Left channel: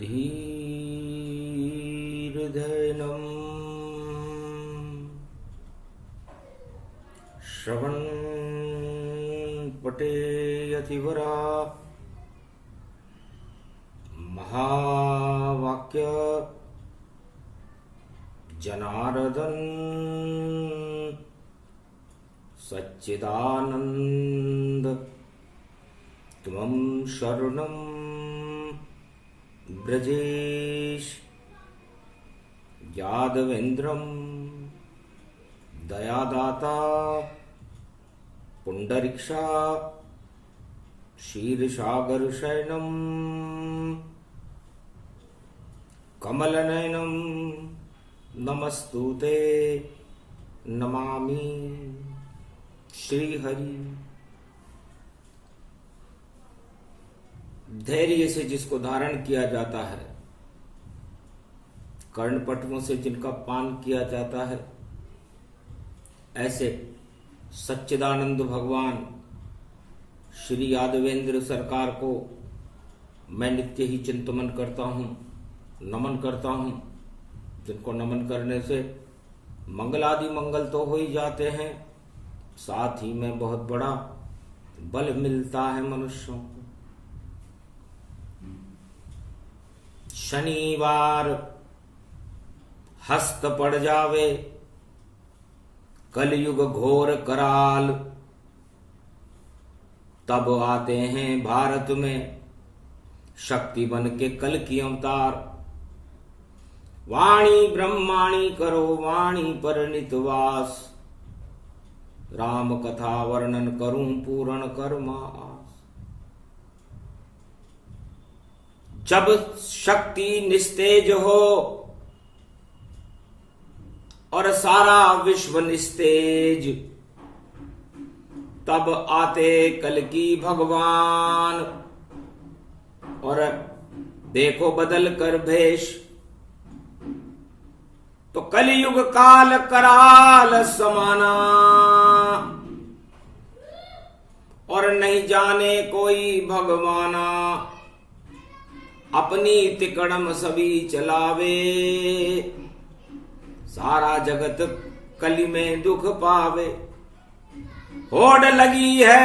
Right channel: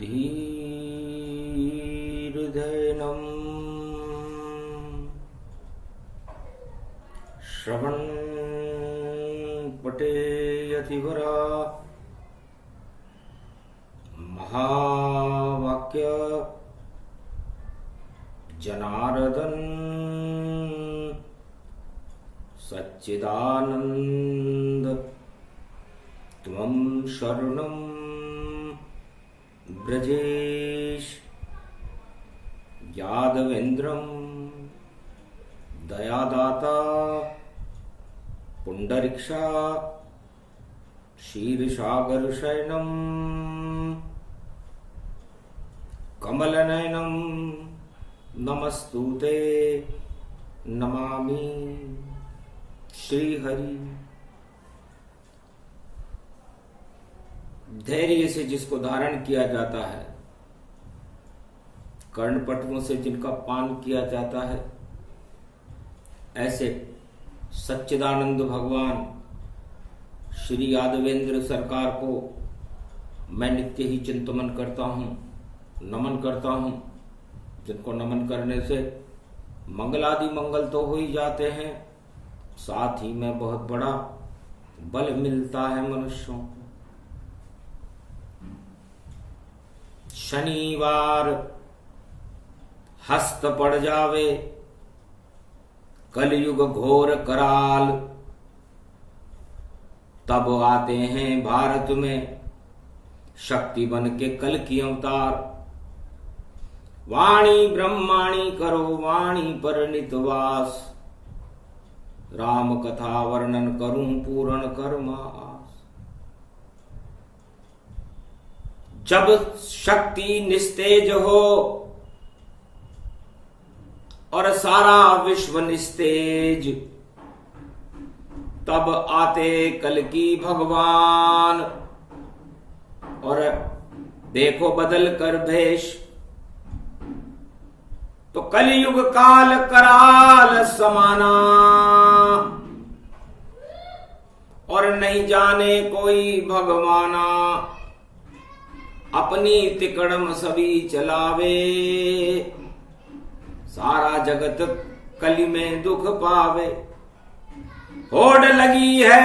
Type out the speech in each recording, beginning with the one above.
धीर्धैनम् श्रवणपटेयतिवरा महावाक्य जनार्दन सच्चिदानंद त्वं शरणं ब्रजेश यादवेन्द्रं दयादाता पुंडरीक्षा क्षीरसागर शयनं कमलनयनं नमस्तुते नमामि श्रीहरि। धैर्य से जिसको धारण किया जाता है, कर्णपटुओं से जिनका पान किया जाता है, ऐसे सच्चिदानंद भगवान श्री यादवेंद्र सरकार को मैं नित्य ही चिंतन करता हूं, नमन करता हूं, जिनको नमन करने से मंगलादि मंगल तो हो ही जाते हैं, साथ ही में बहुत बड़ा बल मिलता है मनुष्यों को। शनिवार हस्त पड़ जावे, कलयुग घोर कराल, तब आते हैं भारत में शक्ति बन के कल की अवतार। वाणी ब्रह्माणी करो वाणी पर नितवास, राम कथा वर्णन करूं पूर्ण कर्मास। जब शक्ति निस्तेज हो और सारा विश्व निस्तेज, तब आते कल की भगवान और देखो बदल कर भेष। तो कलयुग काल कराल समाना, और नहीं जाने कोई भगवाना। अपनी तिकड़म सभी चलावे, सारा जगत कली में दुख पावे। होड़ लगी है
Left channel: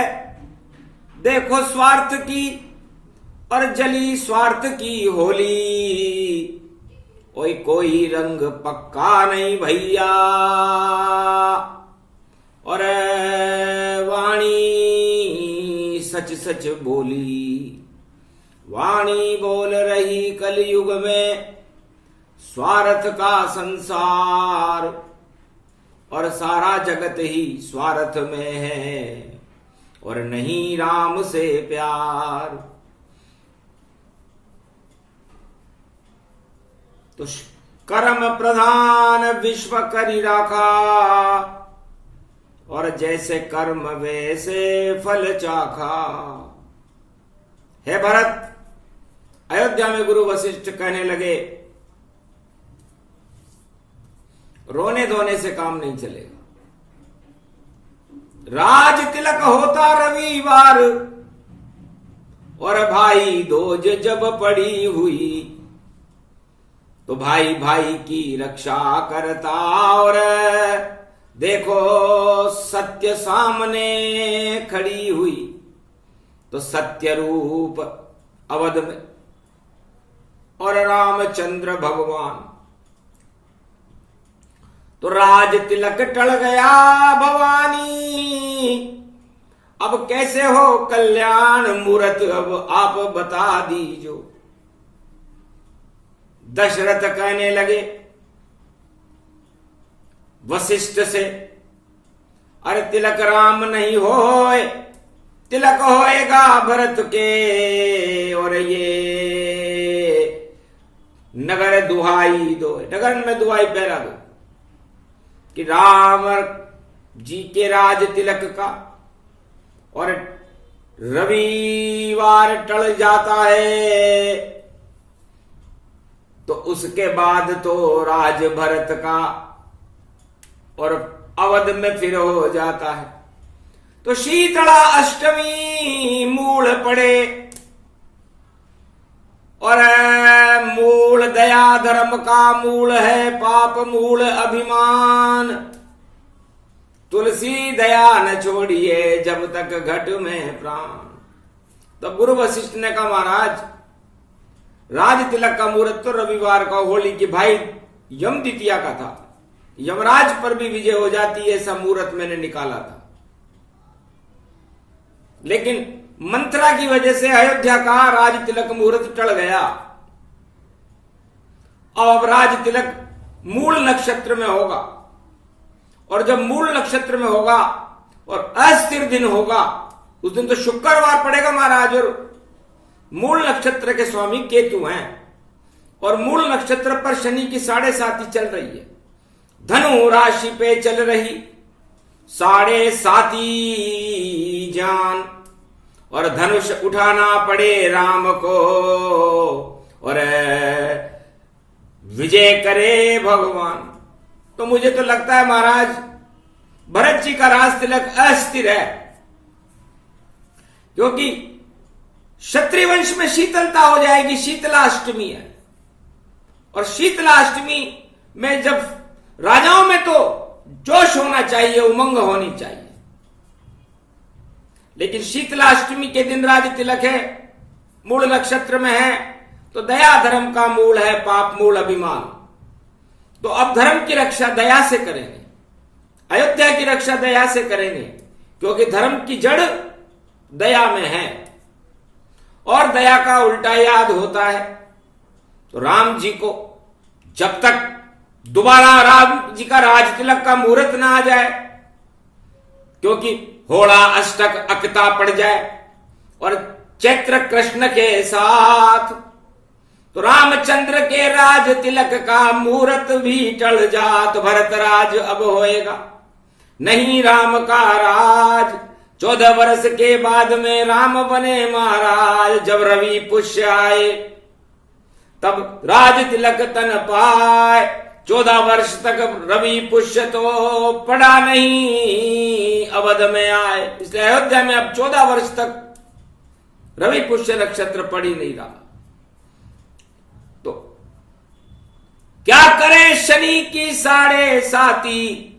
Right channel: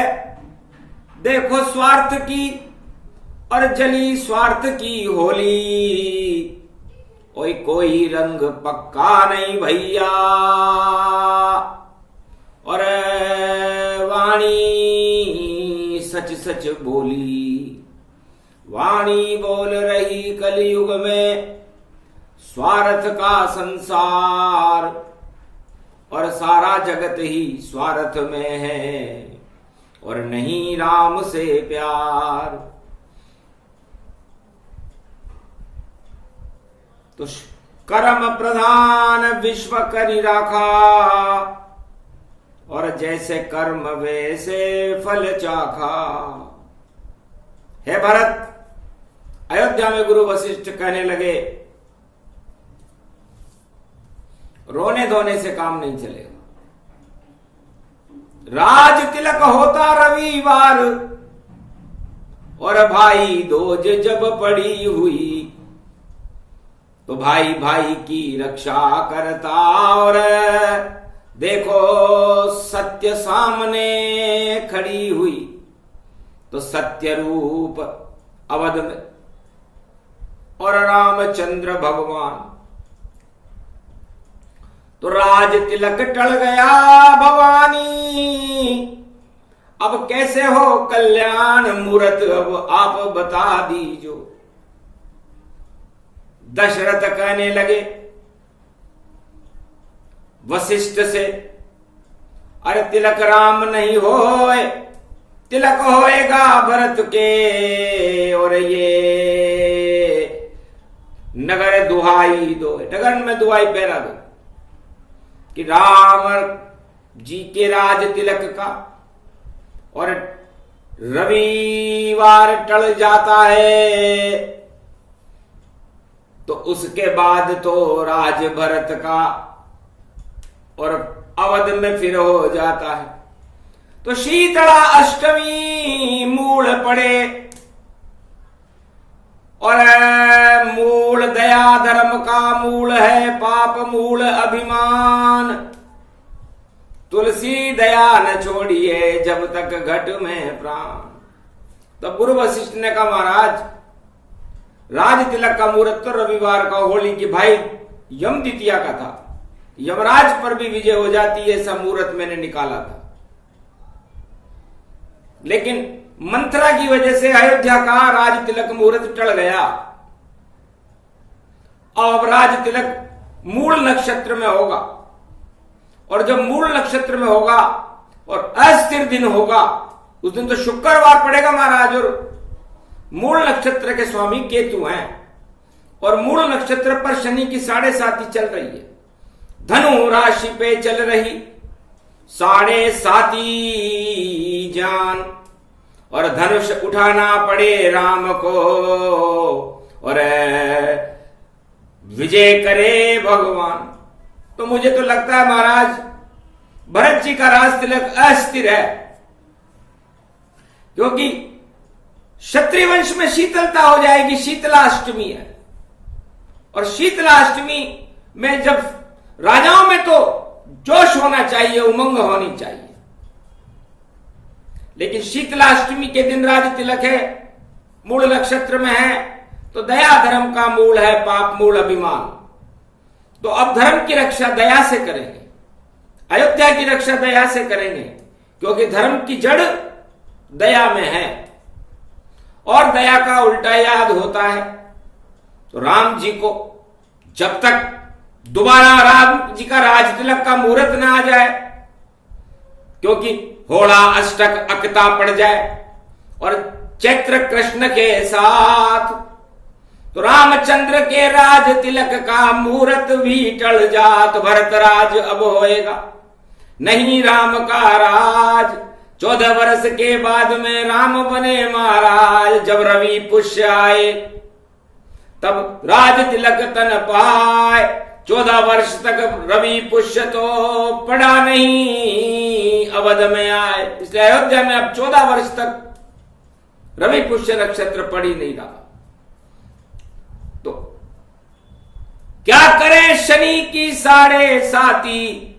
देखो स्वार्थ की, और जली स्वार्थ की होली। ओए कोई रंग पक्का नहीं भैया, और वाणी सच सच बोली। वाणी बोल रही कलयुग में स्वार्थ का संसार, और सारा जगत ही स्वार्थ में है, और नहीं राम से प्यार। तो कर्म प्रधान विश्व करी राखा, और जैसे कर्म वैसे फल चाखा। हे भरत, अयोध्या में गुरु वशिष्ठ कहने लगे, रोने धोने से काम नहीं चलेगा। राज तिलक होता रविवार, और भाई दोज जब पड़ी हुई, तो भाई भाई की रक्षा करता। और देखो सत्य सामने खड़ी हुई, तो सत्य रूप अवध में और रामचंद्र भगवान। तो राज तिलक टल गया भवानी, अब कैसे हो कल्याण मूरत, अब आप बता दीजो। दशरथ कहने लगे वशिष्ठ से, अरे तिलक राम नहीं होए, तिलक होएगा भरत के। और ये नगर दुहाई दो, नगर में दुहाई पहरा दो कि राम जी के राज तिलक का, और रविवार टल जाता है, तो उसके बाद तो राज भरत का और अवध में फिर हो जाता है। तो शीतला अष्टमी मूल पड़े और मूल दया धर्म का मूल है, पाप मूल अभिमान। तुलसी दया न छोड़िए जब तक घट में प्राण। तब गुरु वशिष्ठ ने कहा महाराज, राज तिलक का मुहूर्त तो रविवार का होली की भाई यम द्वितीया का था, यमराज पर भी विजय हो जाती है, ऐसा मुहूर्त मैंने निकाला था। लेकिन मंत्रा की वजह से अयोध्या का राज तिलक मुहूर्त टल गया। अब राज तिलक मूल नक्षत्र में होगा, और जब मूल नक्षत्र में होगा और अस्थिर दिन होगा, उस दिन तो शुक्रवार पड़ेगा महाराज, और मूल नक्षत्र के स्वामी केतु हैं, और मूल नक्षत्र पर शनि की 7.5 चल रही है। धनु राशि पे चल रही 7.5 जान, और धनुष उठाना पड़े राम को, और विजय करे भगवान। तो मुझे तो लगता है महाराज भरत जी का राज तिलक अस्थिर है, क्योंकि क्षत्रिय वंश में शीतलता हो जाएगी। शीतलाष्टमी है, और शीतलाष्टमी में जब राजाओं में तो जोश होना चाहिए, उमंग होनी चाहिए, लेकिन शीतलाष्टमी के दिन राज तिलक है, मूल नक्षत्र में है, तो दया धर्म का मूल है, पाप मूल अभिमान। तो अब धर्म की रक्षा दया से करेंगे, अयोध्या की रक्षा दया से करेंगे, क्योंकि धर्म की जड़ दया में है, और दया का उल्टा याद होता है। तो राम जी को जब तक दोबारा राम जी का राज तिलक का मुहूर्त ना आ जाए, क्योंकि होड़ा अष्टक अकता पड़ जाए और चैत्र कृष्ण के साथ, तो रामचंद्र के राज तिलक का मुहूर्त भी टल जात, भरत राज अब होएगा नहीं राम का राज। 14 वर्ष के बाद में राम बने महाराज, जब रवि पुष्य आए तब राज तिलक तन पाए। 14 वर्ष तक रवि पुष्य तो पड़ा नहीं, अवध में आए, इसलिए अयोध्या में अब 14 वर्ष तक रवि पुष्य नक्षत्र पड़ ही नहीं रहा। तो क्या करें शनि की 7.5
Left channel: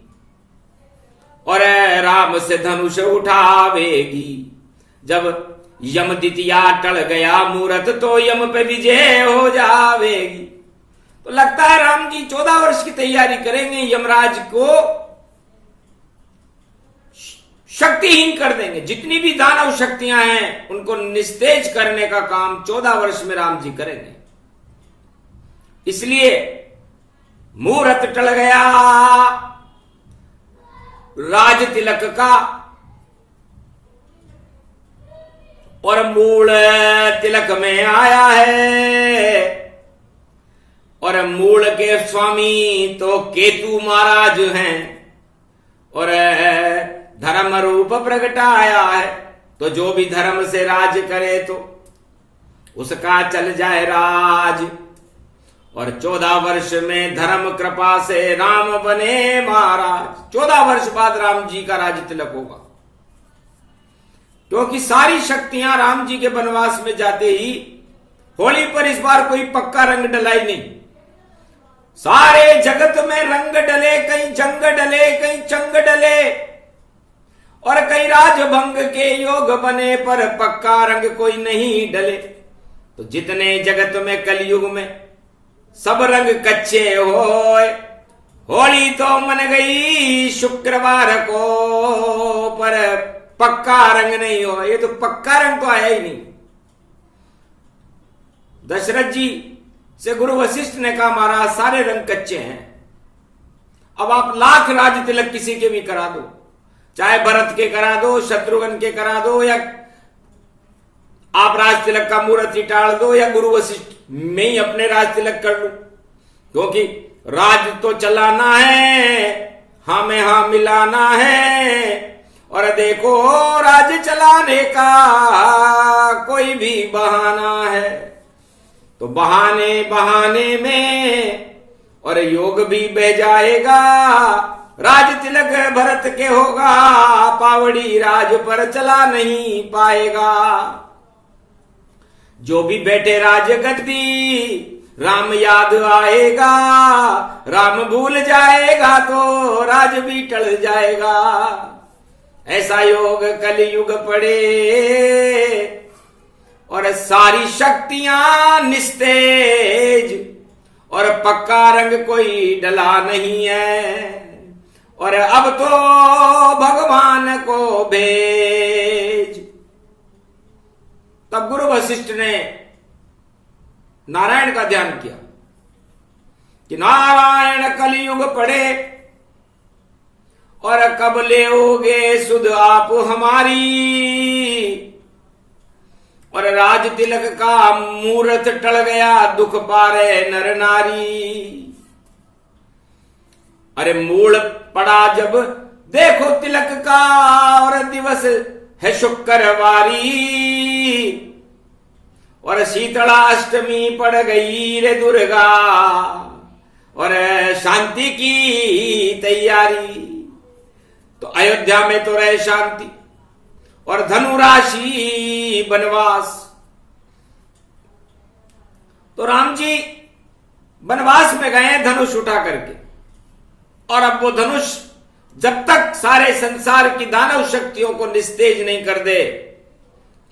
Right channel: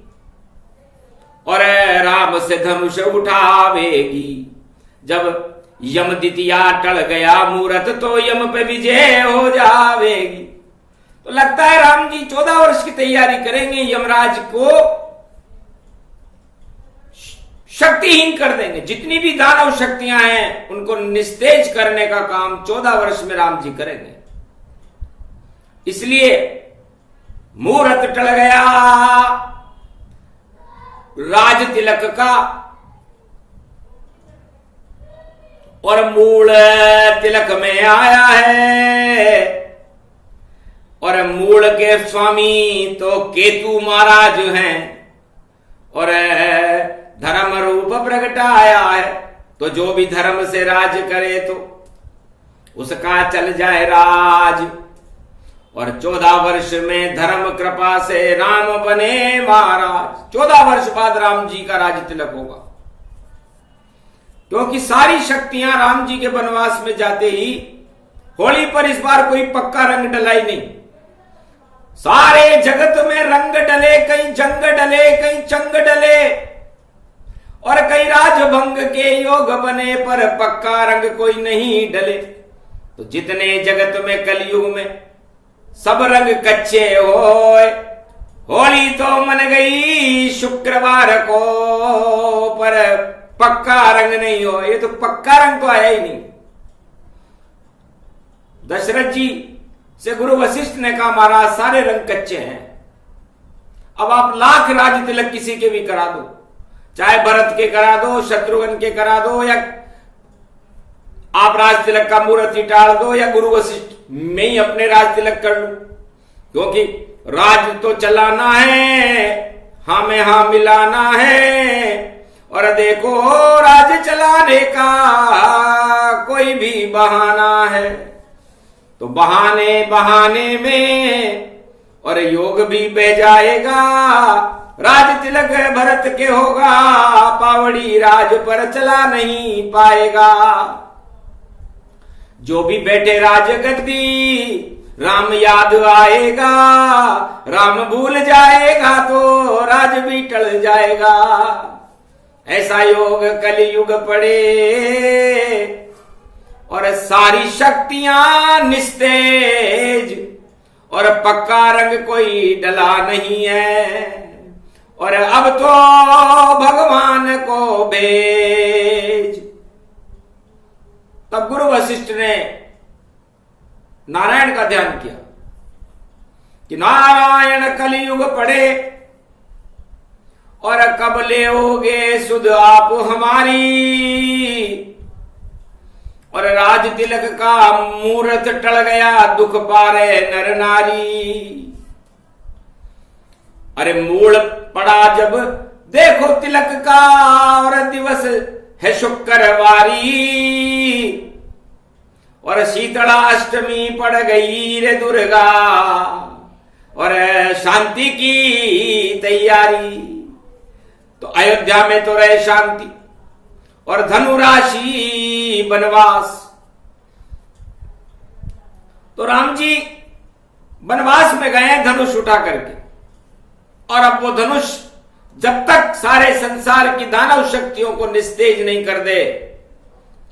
और राम से धनुष उठावेगी। जब यम द्वितीया टल गया मुहूर्त, तो यम पे विजय हो जावेगी। तो लगता है राम जी 14 वर्ष की तैयारी करेंगे, यमराज को शक्तिहीन कर देंगे। जितनी भी दानव शक्तियां हैं उनको निस्तेज करने का काम 14 वर्ष में राम जी करेंगे। इसलिए मुहूर्त टल गया राज तिलक का, और मूल तिलक में आया है, और मूल के स्वामी तो केतु महाराज हैं, और धर्म रूप प्रगटाया है। तो जो भी धर्म से राज करे तो उसका चल जाए राज, और 14 वर्ष में धर्म कृपा से राम बने महाराज। 14 वर्ष बाद राम जी का राज तिलक होगा, क्योंकि सारी शक्तियां राम जी के वनवास में जाते ही होली पर इस बार कोई पक्का रंग डला ही नहीं। सारे जगत में रंग डले, कहीं जंग डले, कहीं चंग डले, और कई राजभंग के योग बने, पर पक्का रंग कोई नहीं डले। तो जितने जगत में कलयुग में सब रंग कच्चे होए, होली तो मन गई शुक्रवार को, पर पक्का रंग नहीं हो। ये तो पक्का रंग तो आया ही नहीं। दशरथ जी से गुरु वशिष्ठ ने कहा महाराज सारे रंग कच्चे हैं, अब आप लाख राज तिलक किसी के भी करा दो, चाहे भरत के करा दो, शत्रुघ्न के करा दो, या आप राज तिलक का मुहूर्त ही टाल दो, या गुरु वशिष्ठ में ही अपने राज तिलक कर लूं, क्योंकि राज तो चलाना है, हाँ में हाँ मिलाना है। और देखो राज चलाने का कोई भी बहाना है, तो बहाने बहाने में और योग भी बह जाएगा। राज तिलक भरत के होगा, पावड़ी राज पर चला नहीं पाएगा। जो भी बैठे राजगद्दी राम याद आएगा, राम भूल जाएगा तो राज भी टल जाएगा। ऐसा योग कलयुग पड़े और सारी शक्तियां निस्तेज, और पक्का रंग कोई डला नहीं है, और अब तो भगवान को भेज। तब गुरु वशिष्ठ ने नारायण का ध्यान किया कि नारायण कलयुग पड़े और कब लेओगे सुध आप हमारी, और राज तिलक का मुहूर्त टल गया दुख पारे नर नारी। अरे मूल पड़ा जब देखो तिलक का, और दिवस है शुक्रवारी, और शीतला अष्टमी पड़ गई रे दुर्गा, और शांति की तैयारी। तो अयोध्या में तो रहे शांति, और धनु राशि वनवास। तो राम जी वनवास में गए धनुष उठा करके, और अब वो धनुष जब तक सारे संसार की दानव शक्तियों को निस्तेज नहीं कर दे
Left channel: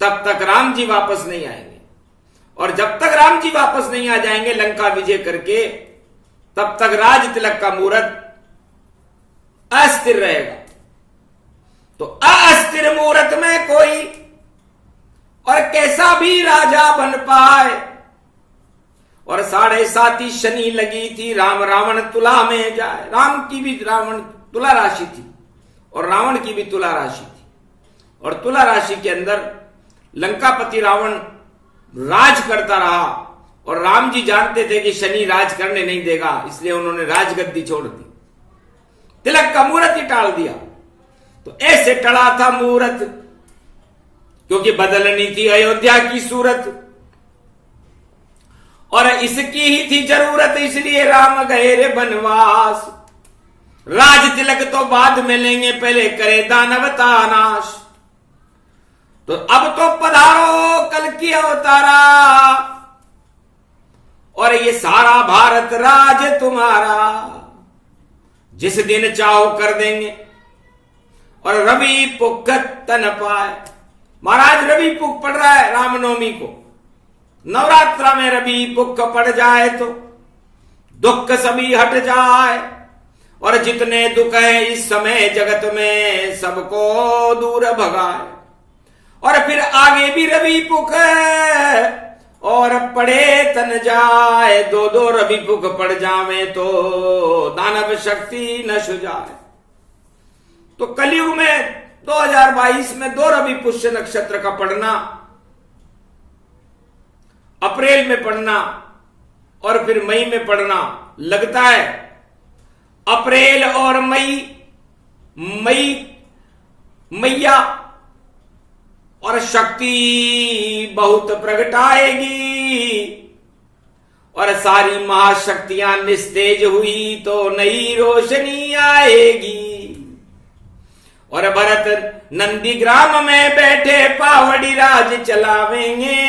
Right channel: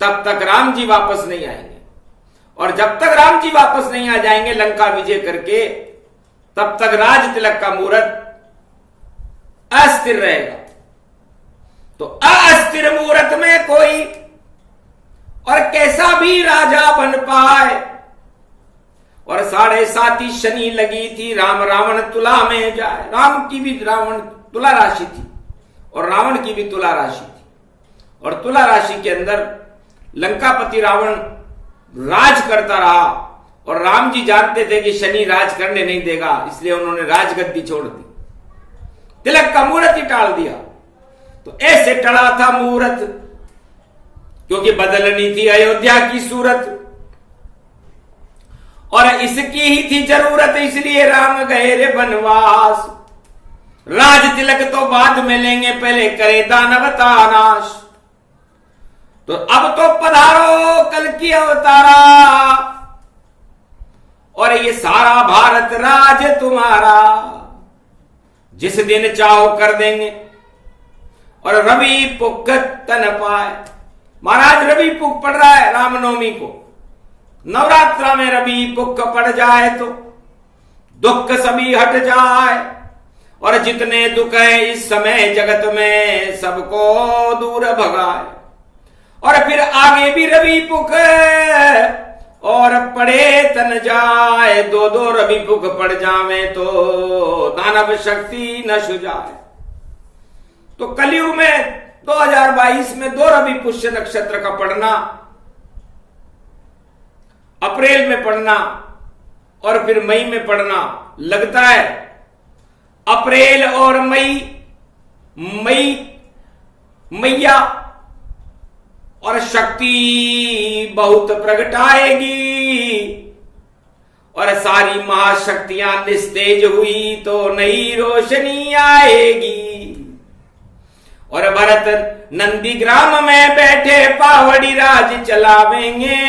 तब तक राम जी वापस नहीं आएंगे, और जब तक राम जी वापस नहीं आ जाएंगे लंका विजय करके तब तक राज तिलक का मुहूर्त अस्थिर रहेगा। तो अस्थिर मुहूर्त में कोई और कैसा भी राजा बन पाए, और 7.5 शनि लगी थी, राम रावण तुला में जाए। राम की भी रावण तुला राशि थी और रावण की भी तुला राशि थी, और तुला राशि के अंदर लंकापति रावण राज करता रहा, और राम जी जानते थे कि शनि राज करने नहीं देगा, इसलिए उन्होंने राजगद्दी छोड़ दी, तिलक का मुहूर्त ही टाल दिया। तो ऐसे टला था मुहूर्त, क्योंकि बदलनी थी अयोध्या की सूरत, और इसकी ही थी जरूरत, इसलिए राम गए रे वनवास। राज तिलक तो बाद में लेंगे, पहले करे दानवता नाश। तो अब तो पधारो कल की अवतारा, और ये सारा भारत राज तुम्हारा, जिस दिन चाहो कर देंगे, और रवि पुख तन पाए। महाराज रवि पुख पड़ रहा है रामनवमी को, नवरात्रा में रवि पुख पड़ जाए तो दुख सभी हट जाए, और जितने दुख हैं इस समय जगत में सबको दूर भगाए। और फिर आगे भी रवि पुख और पड़े तन जाए, 2 रवि पुख पड़ जावे तो दानव शक्ति नश जाए। तो कलयुग में 2022 में 2 रवि पुष्य नक्षत्र का पड़ना, अप्रैल में पड़ना और फिर मई में पड़ना लगता है। अप्रैल और मैया और शक्ति बहुत प्रगटाएगी, और सारी महाशक्तियां निस्तेज हुई तो नई रोशनी आएगी। और भरत नंदीग्राम में बैठे पावड़ी राज चलावेंगे,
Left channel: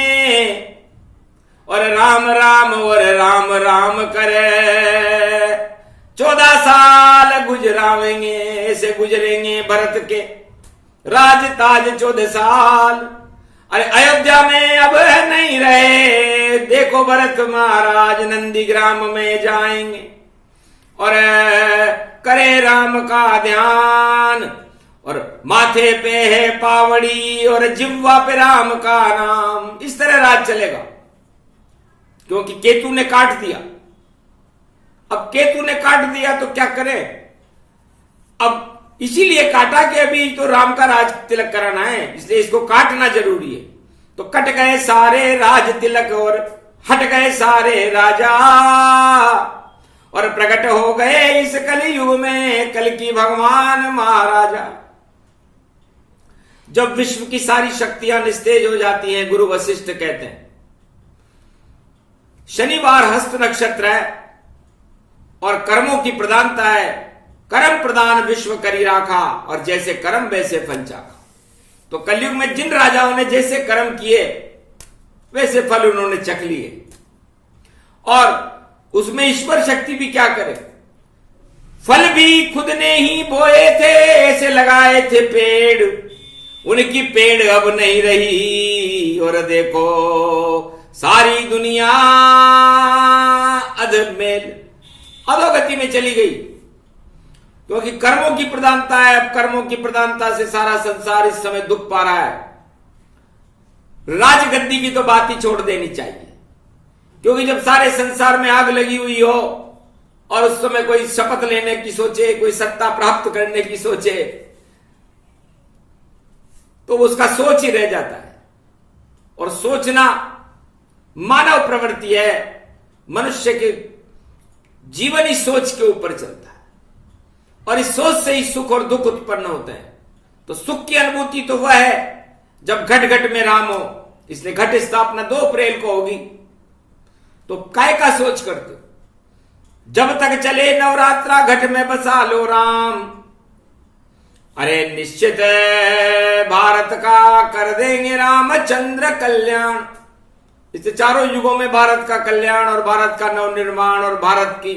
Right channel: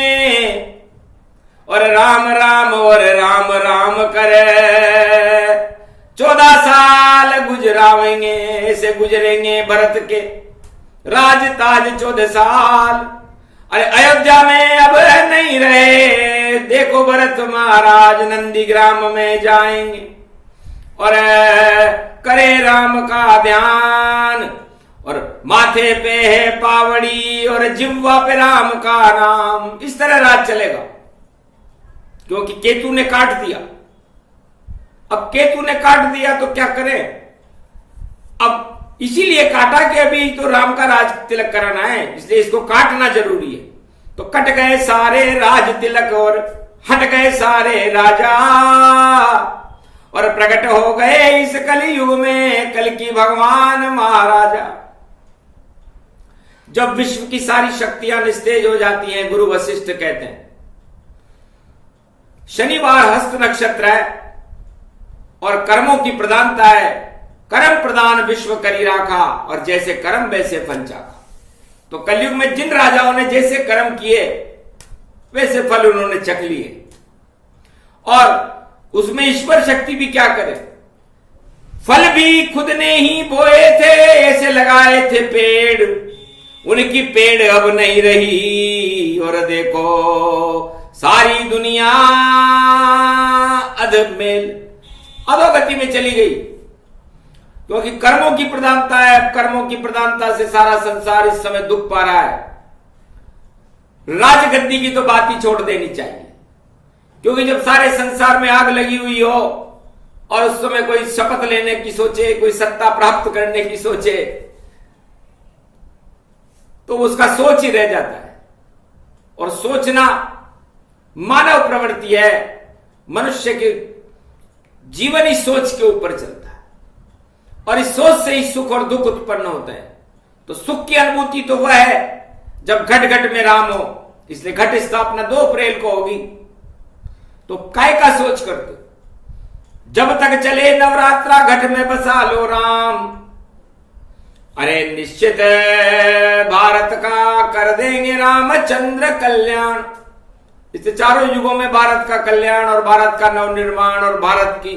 और राम राम और राम राम करे 14 साल गुजरावेंगे। ऐसे गुजरेंगे भरत के राज ताज 14 साल। अरे अयोध्या में अब नहीं रहे, देखो भरत महाराज नंदीग्राम में जाएंगे, और करे राम का ध्यान, और माथे पे है पावड़ी और जिह्वा पे राम का नाम। इस तरह राज चलेगा, क्योंकि केतु ने काट दिया। अब केतु ने काट दिया तो क्या करें, अब इसीलिए काटा कि अभी तो राम का राज तिलक कराना है, इसलिए इसको काटना जरूरी है। तो कट गए सारे राज तिलक और हट गए सारे राजा, और प्रकट हो गए इस कलयुग में कल की भगवान महाराजा। जब विश्व की सारी शक्तियां निस्तेज हो जाती हैं, गुरु वशिष्ठ कहते हैं शनिवार हस्त नक्षत्र है और कर्मों की प्रधानता है, कर्म प्रदान विश्व करी राखा, और जैसे कर्म वैसे फल चाखा। तो कलयुग में जिन राजाओं ने जैसे कर्म किए वैसे फल उन्होंने चख लिए। और उसमें ईश्वर शक्ति भी क्या करे, फल भी खुद ने ही बोए थे, ऐसे लगाए थे पेड़, उनकी पेड़ अब नहीं रही। और देखो सारी दुनिया अधमेल अधोगति में चली गई, क्योंकि कर्मों की प्रधानता है। अब कर्मों की प्रधानता से सारा संसार इस समय दुख पा रहा है। राजगद्दी की तो बात ही छोड़ देनी चाहिए, क्योंकि जब सारे संसार में आग लगी हुई हो और उस समय कोई शपथ लेने की सोचे, कोई सत्ता प्राप्त करने की सोचे, तो उसका सोच ही रह जाता है। और सोचना मानव प्रवृत्ति है, मनुष्य के जीवन ही सोच के ऊपर चलता है, और इस सोच से ही सुख और दुख उत्पन्न होते हैं। तो सुख की अनुभूति तो वह है जब घट घट में राम हो, इसलिए घट स्थापना 2 अप्रैल को होगी। तो काय का सोच करते हो, जब तक चले नवरात्रा घट में बसा लो राम, अरे निश्चित भारत का कर देंगे रामचंद्र कल्याण। इससे चारों युगों में भारत का कल्याण और भारत का नवनिर्माण और भारत की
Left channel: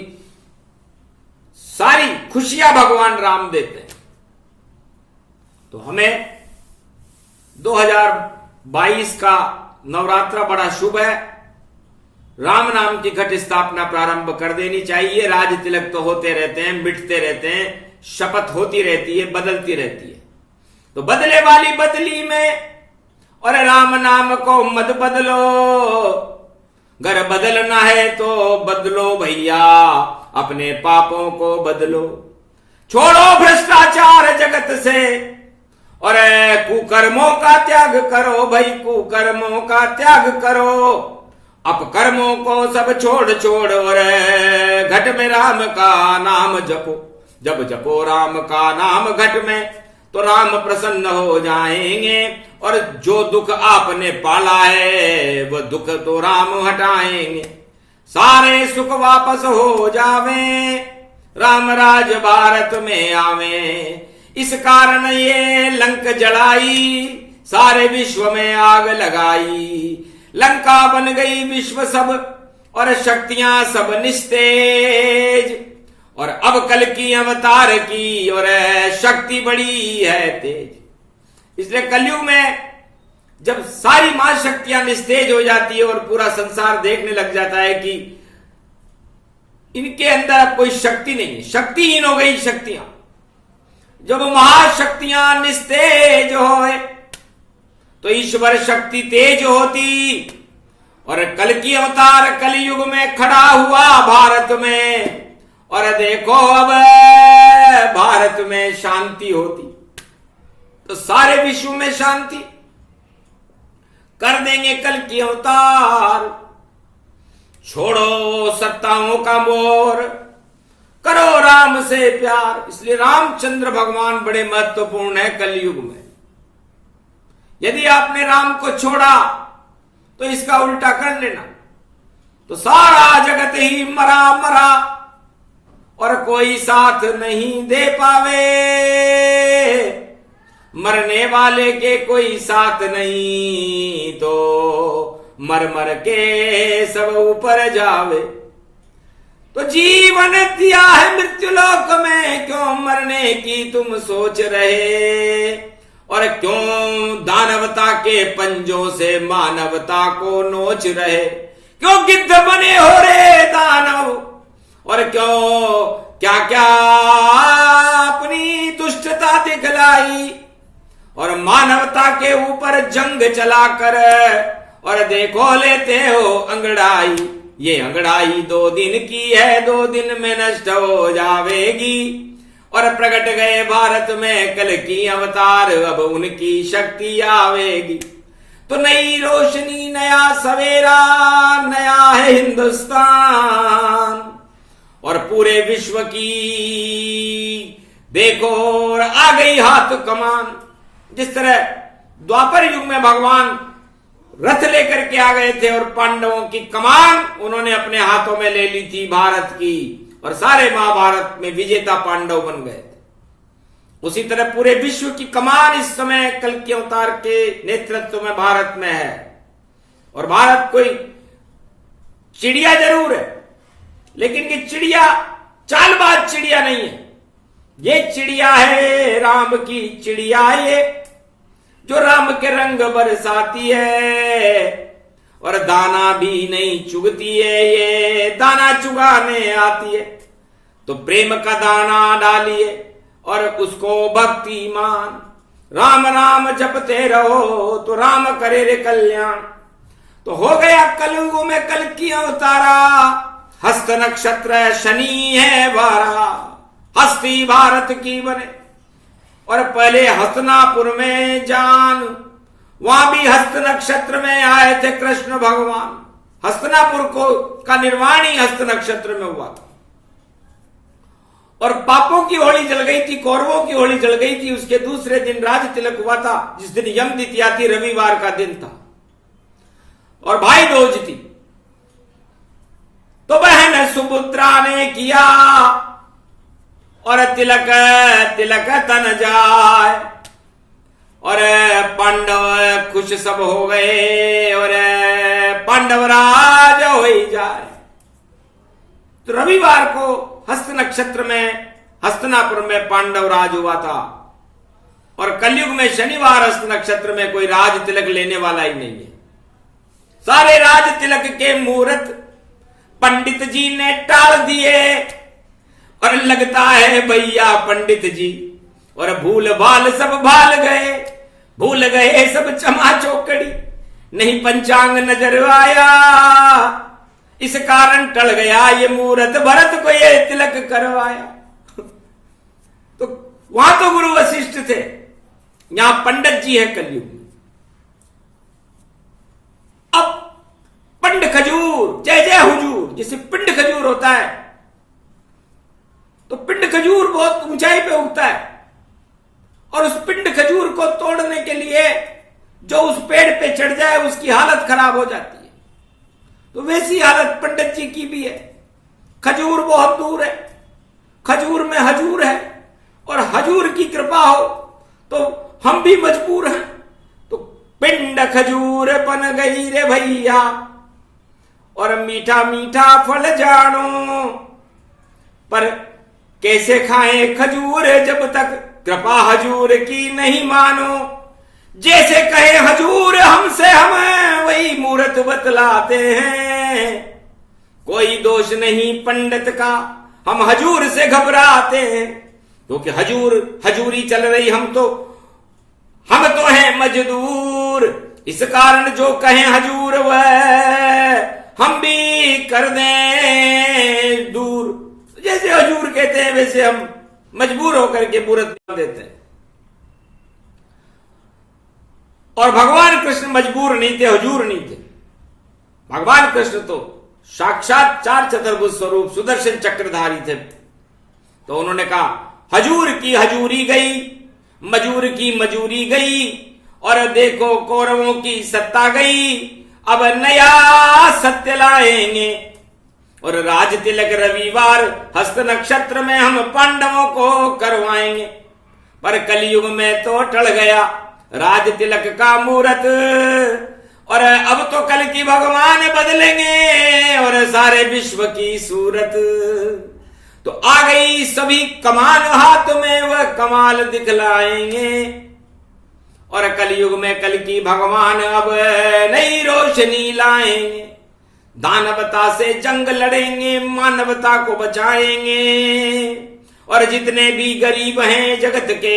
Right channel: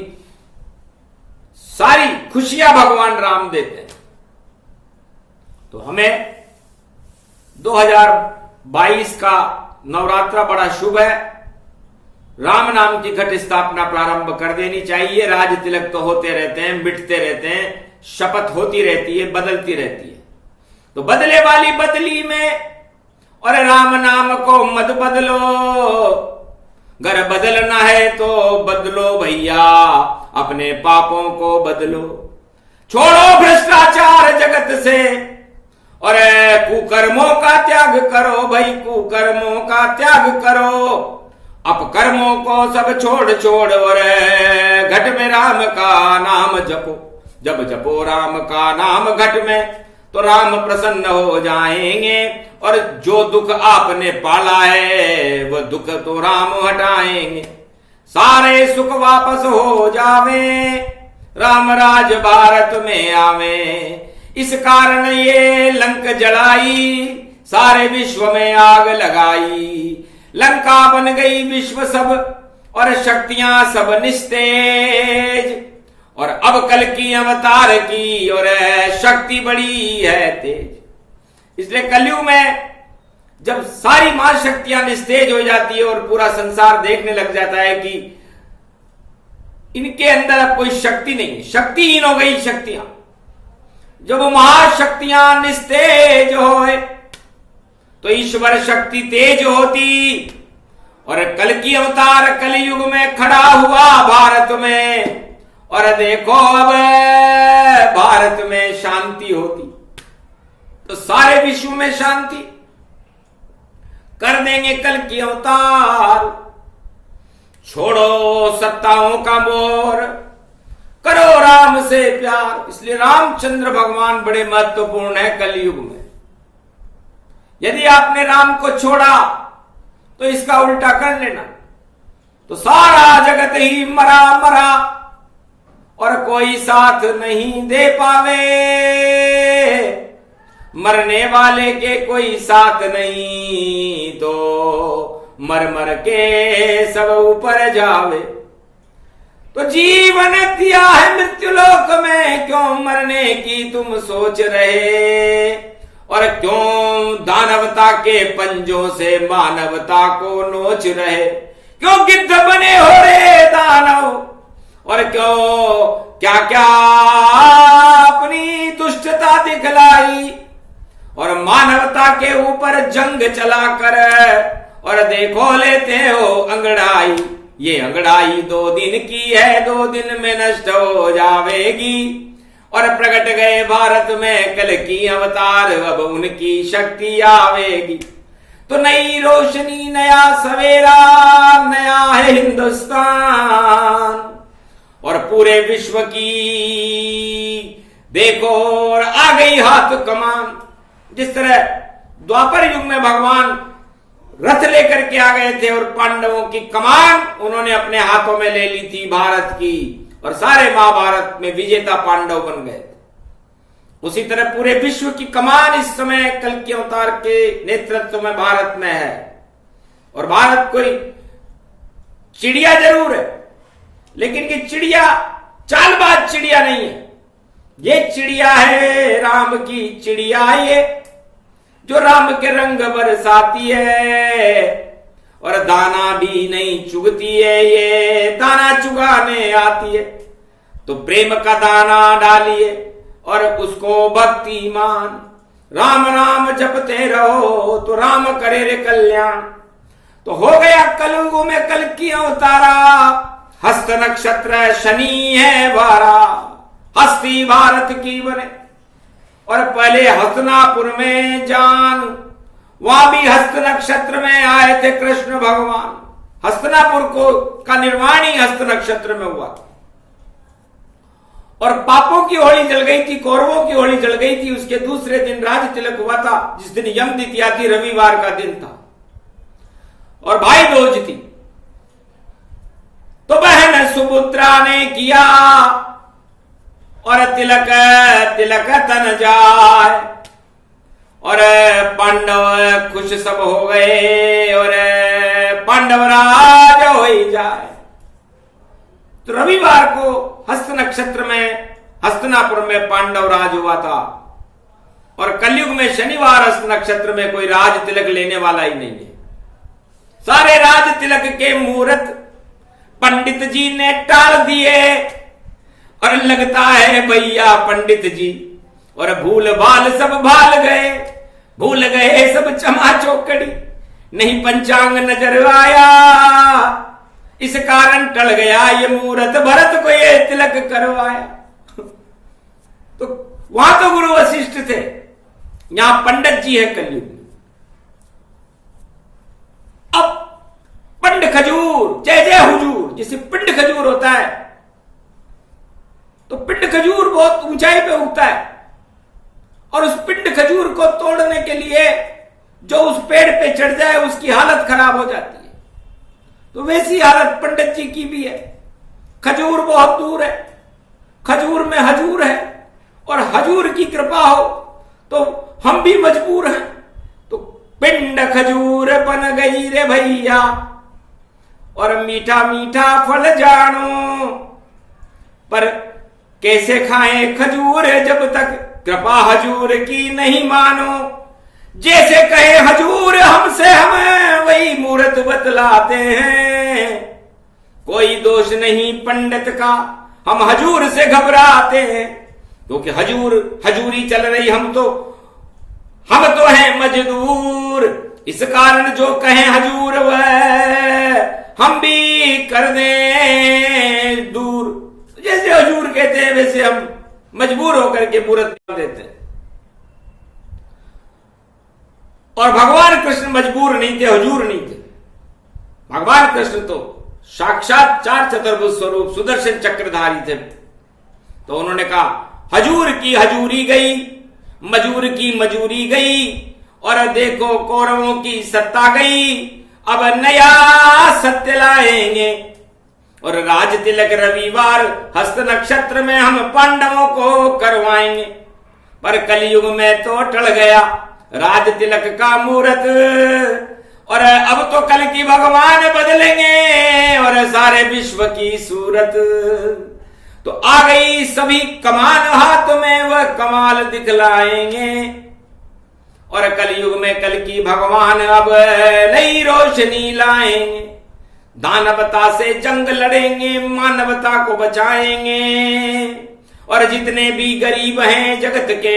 सारी खुशियां भगवान राम देते हैं। तो हमें 2022 का नवरात्रा बड़ा शुभ है। राम नाम की घट स्थापना प्रारंभ कर देनी चाहिए। राज तिलक तो होते रहते हैं, मिटते रहते हैं, शपथ होती रहती है, बदलती रहती है। तो बदले वाली बदली में और राम नाम को मत बदलो, घर बदलना है तो बदलो भैया, अपने पापों को बदलो। छोड़ो भ्रष्टाचार जगत से और कुकर्मों का त्याग करो भाई, कुकर्मों का त्याग करो। अपकर्मों को सब छोड़ छोड़ और घट में राम का नाम जपो। जब जपो राम का नाम घट में तो राम प्रसन्न हो जाएंगे, और जो दुख आपने पाला है वह दुख तो राम हटाएंगे। सारे सुख वापस हो जावे, राम राज भारत में आवे। इस कारण ये लंक जलाई, सारे विश्व में आग लगाई। लंका बन गई विश्व सब और शक्तियां सब निस्तेज, और अब कल की अवतार की और शक्ति बड़ी है तेज। इसलिए कलयुग में जब सारी महाशक्तियां निस्तेज हो जाती है और पूरा संसार देखने लग जाता है कि इनके अंदर अब कोई शक्ति नहीं है, शक्तिहीन हो गई शक्तियां। जब महाशक्तियां निस्तेज होए तो ईश्वर शक्ति तेज होती, और कल की अवतार कलयुग में खड़ा हुआ भारत में, और देखो अब भारत में शांति होती तो सारे विश्व में शांति कर देंगे कल की अवतार। छोड़ो सत्ताओं का मोर, करो राम से प्यार। इसलिए रामचंद्र भगवान बड़े महत्वपूर्ण है कलयुग में। यदि आपने राम को छोड़ा तो इसका उल्टा कर लेना, तो सारा जगत ही मरा मरा और कोई साथ नहीं दे पावे। मरने वाले के कोई साथ नहीं तो मर मर के सब ऊपर जावे। तो जीवन दिया है मृत्युलोक में, क्यों मरने की तुम सोच रहे, और क्यों दानवता के पंजों से मानवता को नोच रहे। क्यों गिद्ध बने हो रे दानव, और क्यों क्या क्या अपनी दुष्टता दिखलाई, और मानवता के ऊपर जंग चलाकर और देखो लेते हो अंगड़ाई। ये अंगड़ाई 2 दिन की है, 2 दिन में नष्ट हो जावेगी। और प्रकट गए भारत में कल की अवतार, अब उनकी शक्ति आवेगी। तो नई रोशनी, नया सवेरा, नया है हिंदुस्तान, और पूरे विश्व की देखो और आ गई हाथ कमान। जिस तरह द्वापर युग में भगवान रथ लेकर के आ गए थे और पांडवों की कमान उन्होंने अपने हाथों में ले ली थी भारत की, और सारे महाभारत में विजेता पांडव बन गए थे। उसी तरह पूरे विश्व की कमान इस समय कल के अवतार के नेतृत्व में भारत में है, और भारत कोई चिड़िया जरूर है, लेकिन ये चिड़िया चालबाज चिड़िया नहीं है। ये चिड़िया है राम की चिड़िया, ये जो राम के रंग बरसाती है और दाना भी नहीं चुगती है, ये दाना चुगाने आती है। तो प्रेम का दाना डालिए और उसको भक्ति मान, राम नाम जपते रहो तो राम करे रे कल्याण। तो हो गया कलयुग में कल की अवतारा, हस्त नक्षत्र शनि है बारा, हस्ती भारत की बने। और पहले हस्तिनापुर में जान, वहां भी हस्त नक्षत्र में आए थे कृष्ण भगवान। हस्तिनापुर को का निर्माण ही हस्त नक्षत्र में हुआ था। और पापों की होली जल गई थी, कौरवों की होली जल गई थी। उसके दूसरे दिन राज तिलक हुआ था, जिस दिन यम द्वितीया थी, रविवार का दिन था और भाई दूज थी। तो बहन सुभद्रा ने किया और तिलक तिलक तन जाए और पांडव खुश सब हो गए और पांडव राज हो ही जाए। तो रविवार को हस्त नक्षत्र में हस्तिनापुर में पांडव राज हुआ था और कलयुग में शनिवार हस्त नक्षत्र में कोई राज तिलक लेने वाला ही नहीं है। सारे राज तिलक के मुहूर्त पंडित जी ने टाल दिए और लगता है भैया पंडित जी और भूल भाल सब भाल गए, भूल गए सब चमा चौकड़ी, नहीं पंचांग नजर आया, इस कारण टल गया ये मुहूर्त, भरत को ये तिलक करवाया। तो वहां तो गुरु वशिष्ठ थे, यहां पंडित जी है कलयुग में। अब पिंड खजूर, जय जय हुजूर, जैसे पिंड खजूर होता है तो पिंड खजूर बहुत ऊंचाई पे उगता है और उस पिंड खजूर को तोड़ने के लिए जो उस पेड़ पे चढ़ जाए उसकी हालत खराब हो जाती है। तो वैसी हालत पंडित जी की भी है। खजूर बहुत दूर है, खजूर में हजूर है और हजूर की कृपा हो तो हम भी मजबूर हैं। तो पिंड खजूर बन गई रे भैया और मीठा मीठा फल जानो, पर कैसे खाएं खजूर जब तक कृपा हजूर की नहीं मानो। जैसे कहे हजूर हमसे हम वही मूर्त बतलाते हैं, कोई दोष नहीं पंडित का, हम हजूर से घबराते हैं क्योंकि हजूर हजूरी चल रही, हम तो हैं मजदूर, इस कारण जो कहें हजूर वह हम भी कर दें दूर। जैसे हजूर कहते हैं वैसे हम मजबूर होकर के मूर्त देते हैं। और भगवान कृष्ण मजबूर नहीं थे, हजूर नहीं थे। भगवान कृष्ण तो साक्षात चार चतुर्भुज स्वरूप सुदर्शन चक्रधारी थे। तो उन्होंने कहा हजूर की हजूरी गई, मजूर की मजूरी गई और देखो कौरवों की सत्ता गई, अब नया सत्य लाएंगे और राज तिलक रविवार हस्त नक्षत्र में हम पांडवों को करवाएंगे। पर कलयुग में तो टल गया राज तिलक का मुहूर्त और अब तो कल की भगवान बदलेंगे और सारे विश्व की सूरत। तो आ गई सभी कमान हाथ में, वह कमाल दिखलाएंगे और कलयुग में कल की भगवान अब नई रोशनी लाएंगे। दानवता से जंग लड़ेंगे, मानवता को बचाएंगे और जितने भी गरीब हैं जगत के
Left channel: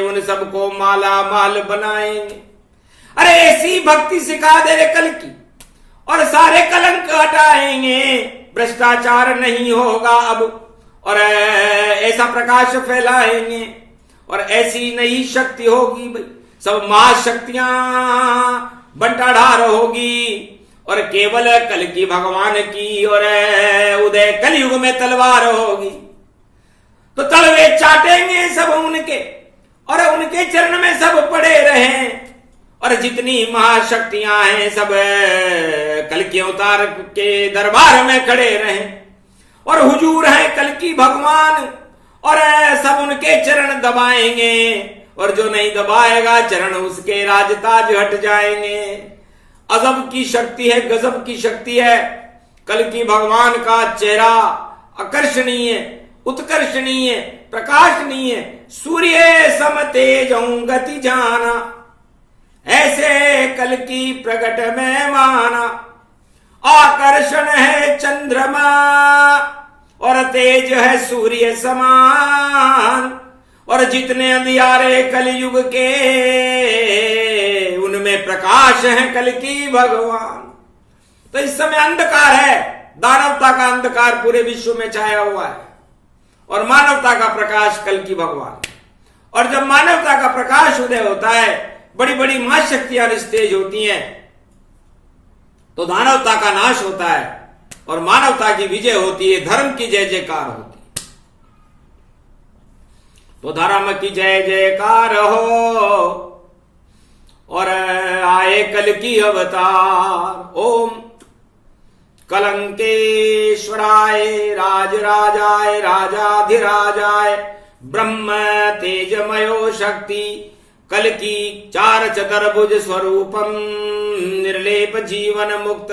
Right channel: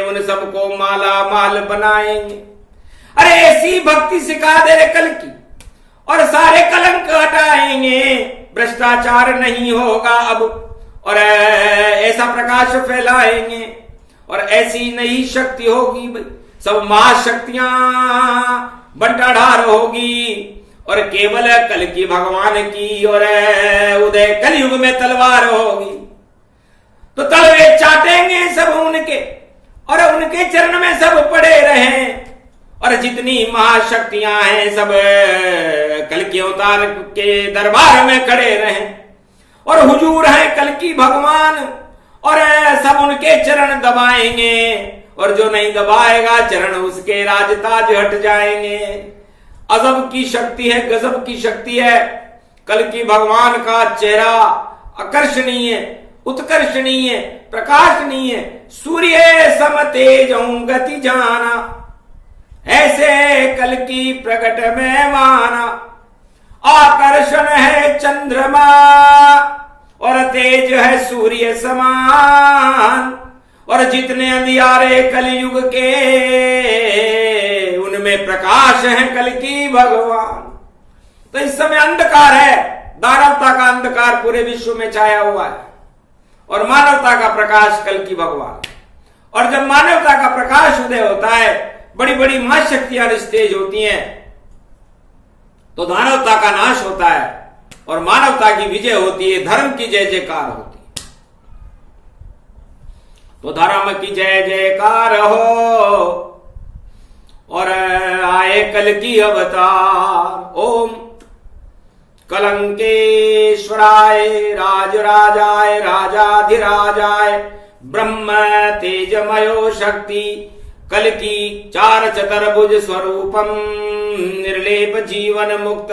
उन सबको माला माल बनाएंगे। अरे ऐसी भक्ति सिखा दे रे कल की और सारे कलंक हटाएंगे, भ्रष्टाचार नहीं होगा अब और ऐसा प्रकाश फैलाएंगे और ऐसी नई शक्ति होगी भाई, सब महाशक्तियां बंटाढार होगी और केवल कल की भगवान की और उदय कलयुग में तलवार होगी। तो तलवे चाटेंगे सब उनके और उनके चरण में सब पड़े रहें और जितनी महाशक्तियां हैं सब कल के अवतार के दरबार में खड़े रहें और हुजूर हैं कल की भगवान और सब उनके चरण दबाएंगे और जो नहीं दबाएगा चरण उसके राजताज हट जाएंगे। अजब की शक्ति है, गजब की शक्ति है। कल की भगवान का चेहरा आकर्षणीय, उत्कर्षणीय, प्रकाशनीय, सूर्य सम तेज गति जाना, ऐसे कल की प्रकट में माना। आकर्षण है चंद्रमा और तेज है सूर्य समान, और जितने अंधियारे कलयुग के उनमें प्रकाश है कल की भगवान। तो इस समय अंधकार है, दानवता का अंधकार पूरे विश्व में छाया हुआ है और मानवता का प्रकाश कल की भगवान। और जब मानवता का प्रकाश उदय होता है, बड़ी बड़ी महाशक्तियां निस्तेज होती हैं, तो दानवता का नाश होता है और मानवता की विजय होती है, धर्म की जय जयकार होती है। तो धर्म की जय जयकार हो और आए कल की अवतार। ओम कलंकेश्वराय राजराजाय राजाधिराजाय ब्रह्म तेजमयो शक्ति कल की चार चतुर्भुज स्वरूपम निर्लेप जीवन मुक्त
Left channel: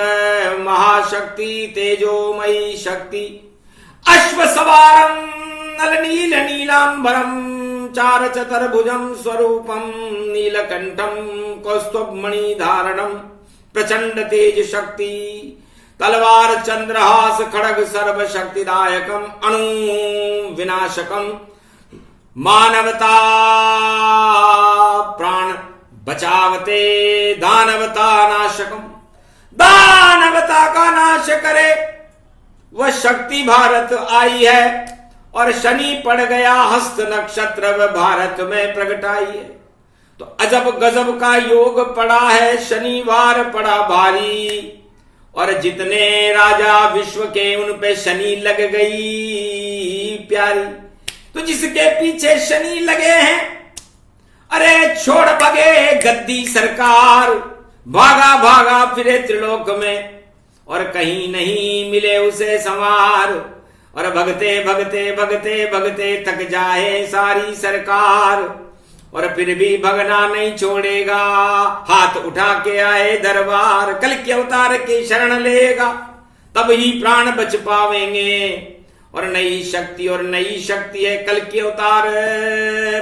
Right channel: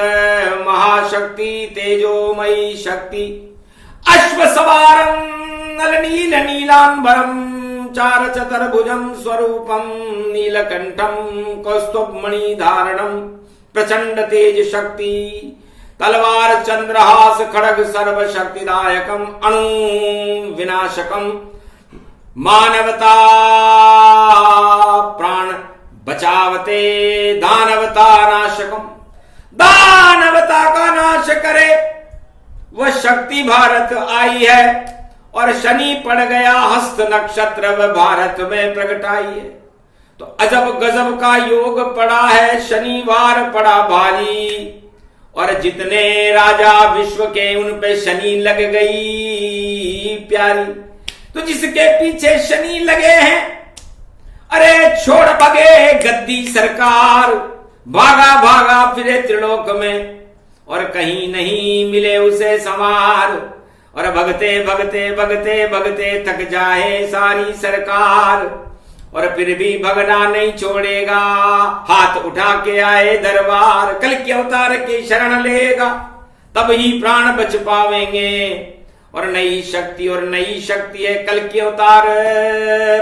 महाशक्ति तेजोमयी शक्ति अश्व सवारम नल नील नीलांबरम चार चतुर्भुजम स्वरूपम नीलकंठम कौस्तुभमणि धारणम प्रचंड तेज शक्ति तलवार चंद्रहास खड़ग सर्व शक्तिदायकम अणु विनाशकम मानवता प्राण बचावते दानवता नाशकम। दानवता का नाश करे वह शक्ति भारत आई है और शनि पड़ गया हस्त नक्षत्र व भारत में प्रगटाई है। तो अजब गजब का योग पड़ा है, शनिवार पड़ा भारी, और जितने राजा विश्व के उन पे शनि लग गई प्यारी। तो जिसके पीछे शनि लगे हैं, अरे छोड़ भगे गद्दी सरकार, भागा भागा फिरे त्रिलोक में और कहीं नहीं मिले उसे संवार। और भगते भगते भगते भगते थक जाए सारी सरकार, और फिर भी भगना नहीं छोड़ेगा, हाथ उठा के आए दरबार। कल के अवतार की शरण लेगा तब ही प्राण बच पावेंगे। और नई शक्ति, और नई शक्ति है कल के अवतार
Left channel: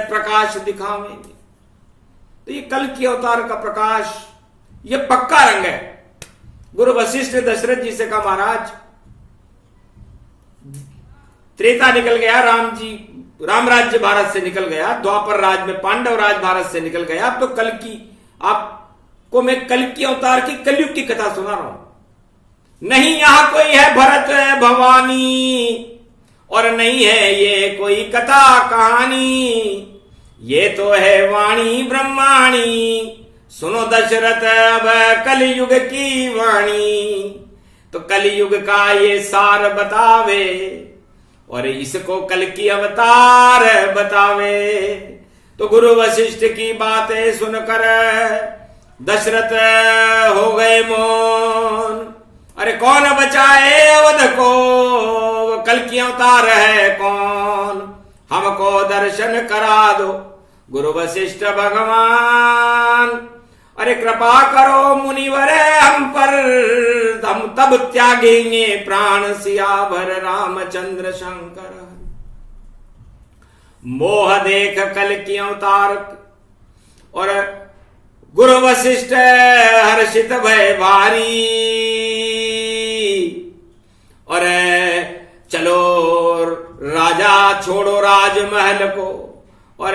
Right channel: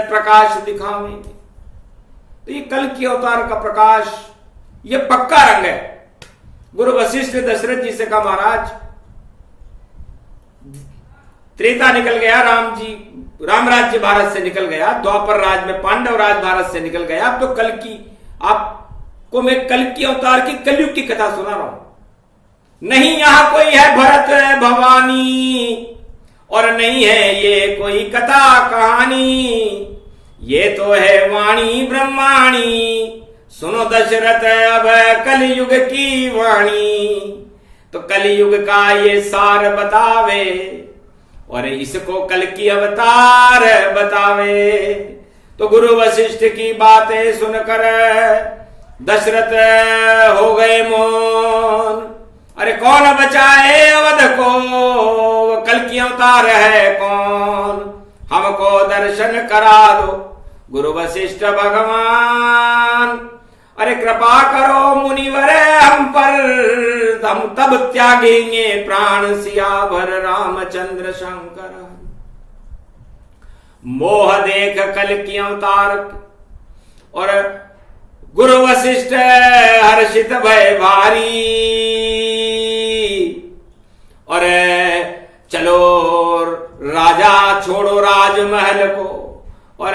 प्रकाश दिखावेंगे। तो ये कल के अवतार का प्रकाश ये पक्का रंग है। गुरु वशिष्ठ ने दशरथ जी से कहा, महाराज त्रेता निकल गया, राम राज्य भारत से निकल गया, द्वापर राज में पांडव राज भारत से निकल गया, अब तो कल की आपको मैं कल की अवतार की कलयुग की कथा सुना रहा हूं। नहीं यहां कोई है भरत भवानी, और नहीं है ये कोई कथा कहानी, ये तो है वाणी ब्रह्माणी। सुनो दशरथ अब कलयुग की वाणी, तो कलयुग का ये सार बतावे और इसको कल की अवतार बतावे। तो गुरु वशिष्ठ की बातें सुनकर दशरथ हो गए मौन। अरे कौन बचाए अवध को, वो कल की अवतार है कौन, हमको दर्शन करा दो गुरु वशिष्ठ भगवान। अरे कृपा करो मुनिवर हम पर, हम तब त्यागेंगे प्राण सियावर रामचंद्र शंकर। मोह देख कल की अवतार और गुरु वशिष्ठ हर्षित भय भारी। और चलो राजा छोड़ो राजमहल को, और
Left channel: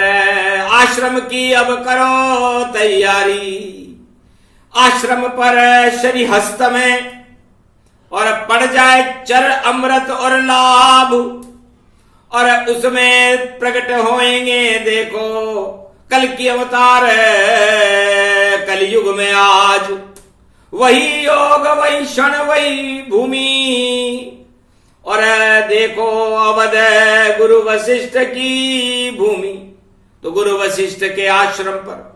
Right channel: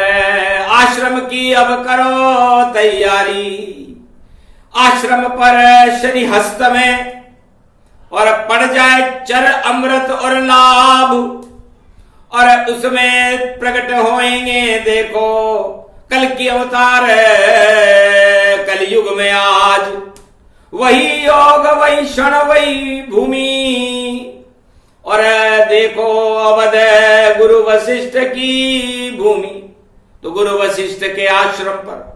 आश्रम की अब करो तैयारी। आश्रम पर शनि हस्त में और पड़ जाए चर अमृत और लाभ, और उसमें प्रकट होएंगे देखो कल की अवतार कलयुग में आज। वही योग वही क्षण वही भूमि, और देखो अवध गुरु वशिष्ठ की भूमि। तो गुरु वशिष्ठ के आश्रम पर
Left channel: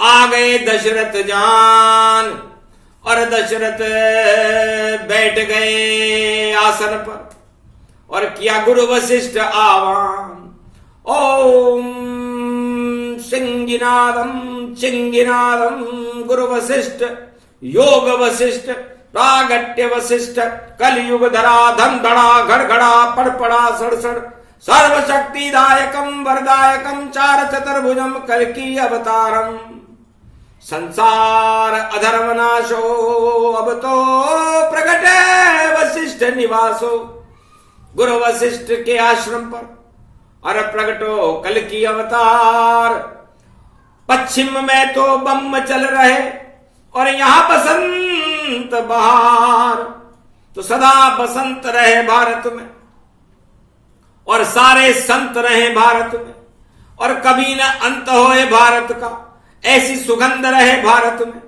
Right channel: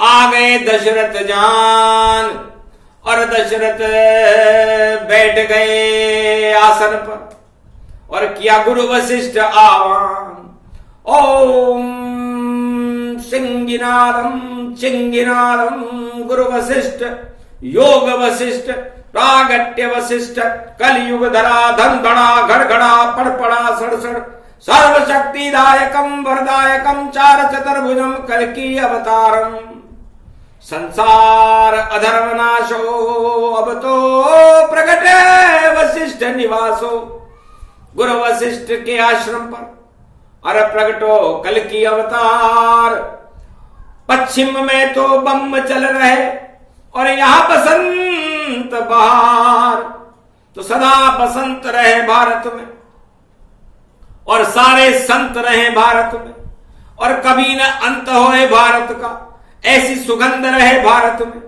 आ गए दशरथ जान, और दशरथ बैठ गए आसन पर और किया गुरु वशिष्ठ आह्वान। ओम सिंगिनादम चिंगिनादम गुरु वशिष्ठ योग वशिष्ठ प्रागट्य वशिष्ठ कलयुग धरा धन धड़ा घड़घड़ा पड़पड़ा सड़सड़ सर्वशक्तिदायकम वरदायकम चार चतुर्भुजम कल्कि अवतारम संसार अधर्म नाशो अब तो प्रकट वशिष्ठ निवासो। गुरु वशिष्ठ के आश्रम पर अर प्रगटो कल्कि अवतार। पश्चिम में तो बम चल रहे और यहां बसंत बहार, तो सदा बसंत रहे भारत में और सारे संत रहे भारत में और कभी न अंत होए भारत का, ऐसी सुगंध रहे भारत में।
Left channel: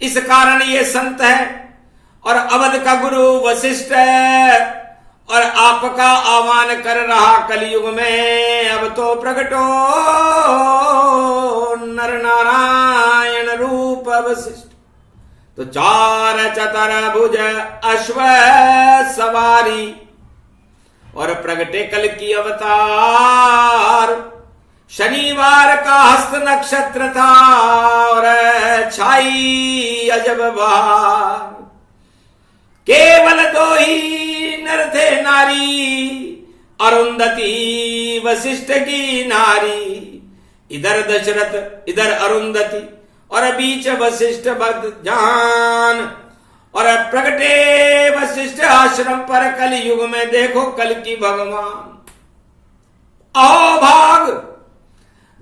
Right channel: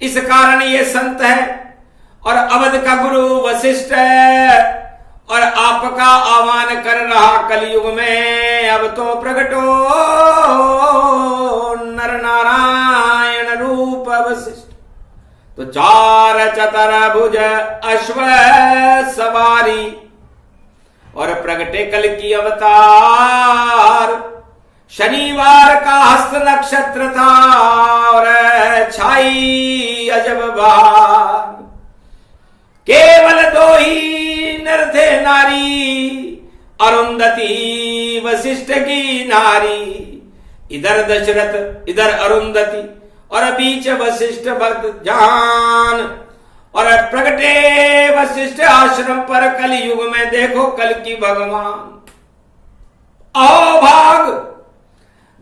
इस कारण ये संत है और अवध का गुरु वशिष्ठ है और आपका आह्वान कर रहा कलयुग में अब तो प्रगटो नर नारायण रूप वशिष्ठ। तो चार चतुर्भुज अश्व सवारी और प्रगटे कल्कि अवतार। शनिवार का हस्त नक्षत्र था और छाई अजब बहार। केवल दो ही नर थे नारी, अरुंधति वशिष्ठ की नारी। इधर दशरथ इधर अरुंधति और बीच वशिष्ठ भक्त जान। और प्रगटे वशिष्ठ आश्रम पर कलयुग में देखो कल्कि भगवान। आओ भाग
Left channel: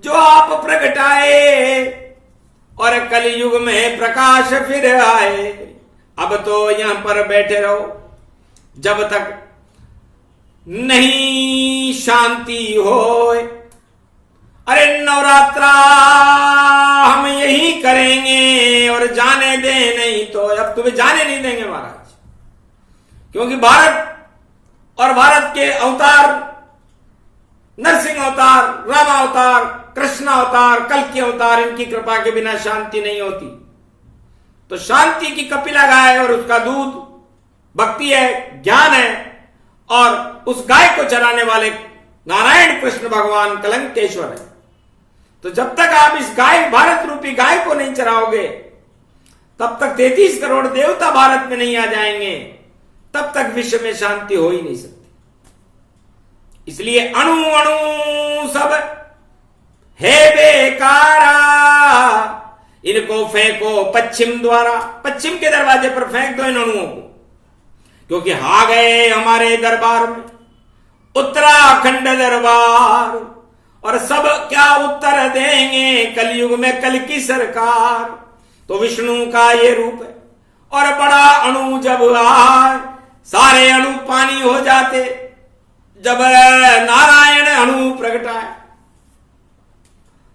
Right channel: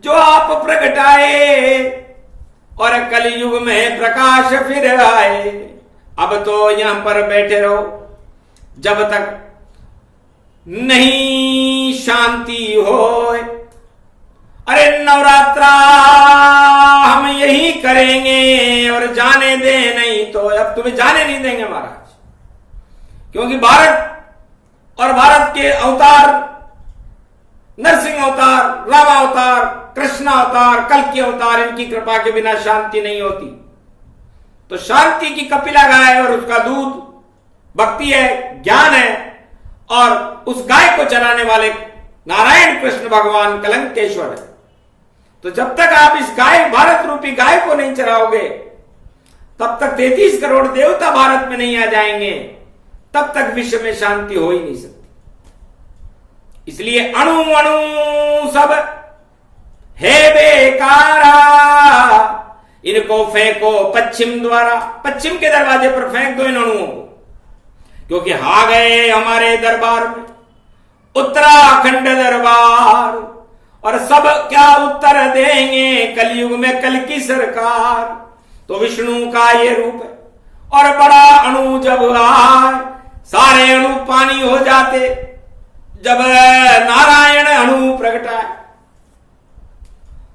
जो आप प्रगटाए और कलयुग में प्रकाश फिर आए। अब तो यहां पर बैठे रहो जब तक नहीं शांति होए। अरे नवरात्रा हम यही करेंगे और जाने दे नहीं तो अब तुम्हें जाने नहीं देंगे महाराज, क्योंकि भारत और भारत के अवतार नरसिंह अवतार, राम अवतार, कृष्ण अवतार, कल्कि अवतार, इनकी कृपा के बिना शांति नहीं होती। तो शांति की कपिला गाय और उसका दूध भक्ति है, ज्ञान है और उस गाय को चलाने वाले नारायण कृष्ण भगवान कलंकेश्वर है। तो जब तक आप इस गाय भारत रूपी गाय को नहीं चराओगे तब तक 33 करोड़ देवता भारत में नहीं आ जाएंगे, तब तक विश्व में शांति हो ही नहीं सकती। इसलिए अणु अणु सब है बेकारा, इनको फेंको पश्चिम द्वारा। पश्चिम के दरवाजे पर फेंक दो इन अणुओं को, क्योंकि आ गए हमारे दरबार में उत्तराखंड दरबार। और सब क्या उत्तर देंगे कलयुग में कल्कि सरकार। तो विष्णु का ये रूप है और बड़ा अणु जब आए सारे अणु पानी हो जाते। जब नारायण अणु प्रगटाए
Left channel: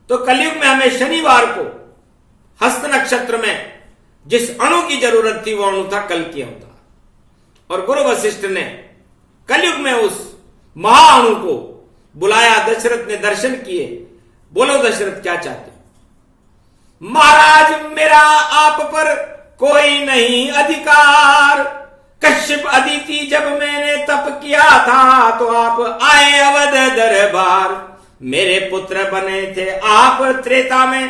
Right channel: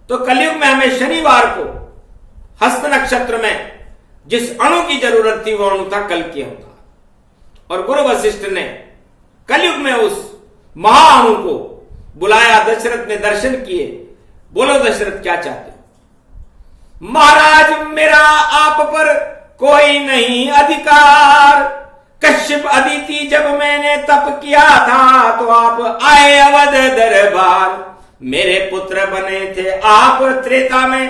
तो कलयुग में हमें शनिवार को हस्त नक्षत्र में जिस अणु की जरूरत थी वो अणु था कल्कि अवतार। और गुरु वशिष्ठ ने कलयुग में उस महाअणु को बुलाया। दशरथ ने दर्शन किए। बोलो दशरथ क्या चाहते हो? महाराज मेरा आप पर कोई नहीं अधिकार। कश्यप अदिति जब मैंने तप किया था तो आप आए अवध दरबार। मेरे पुत्र बने थे आप त्रेता में,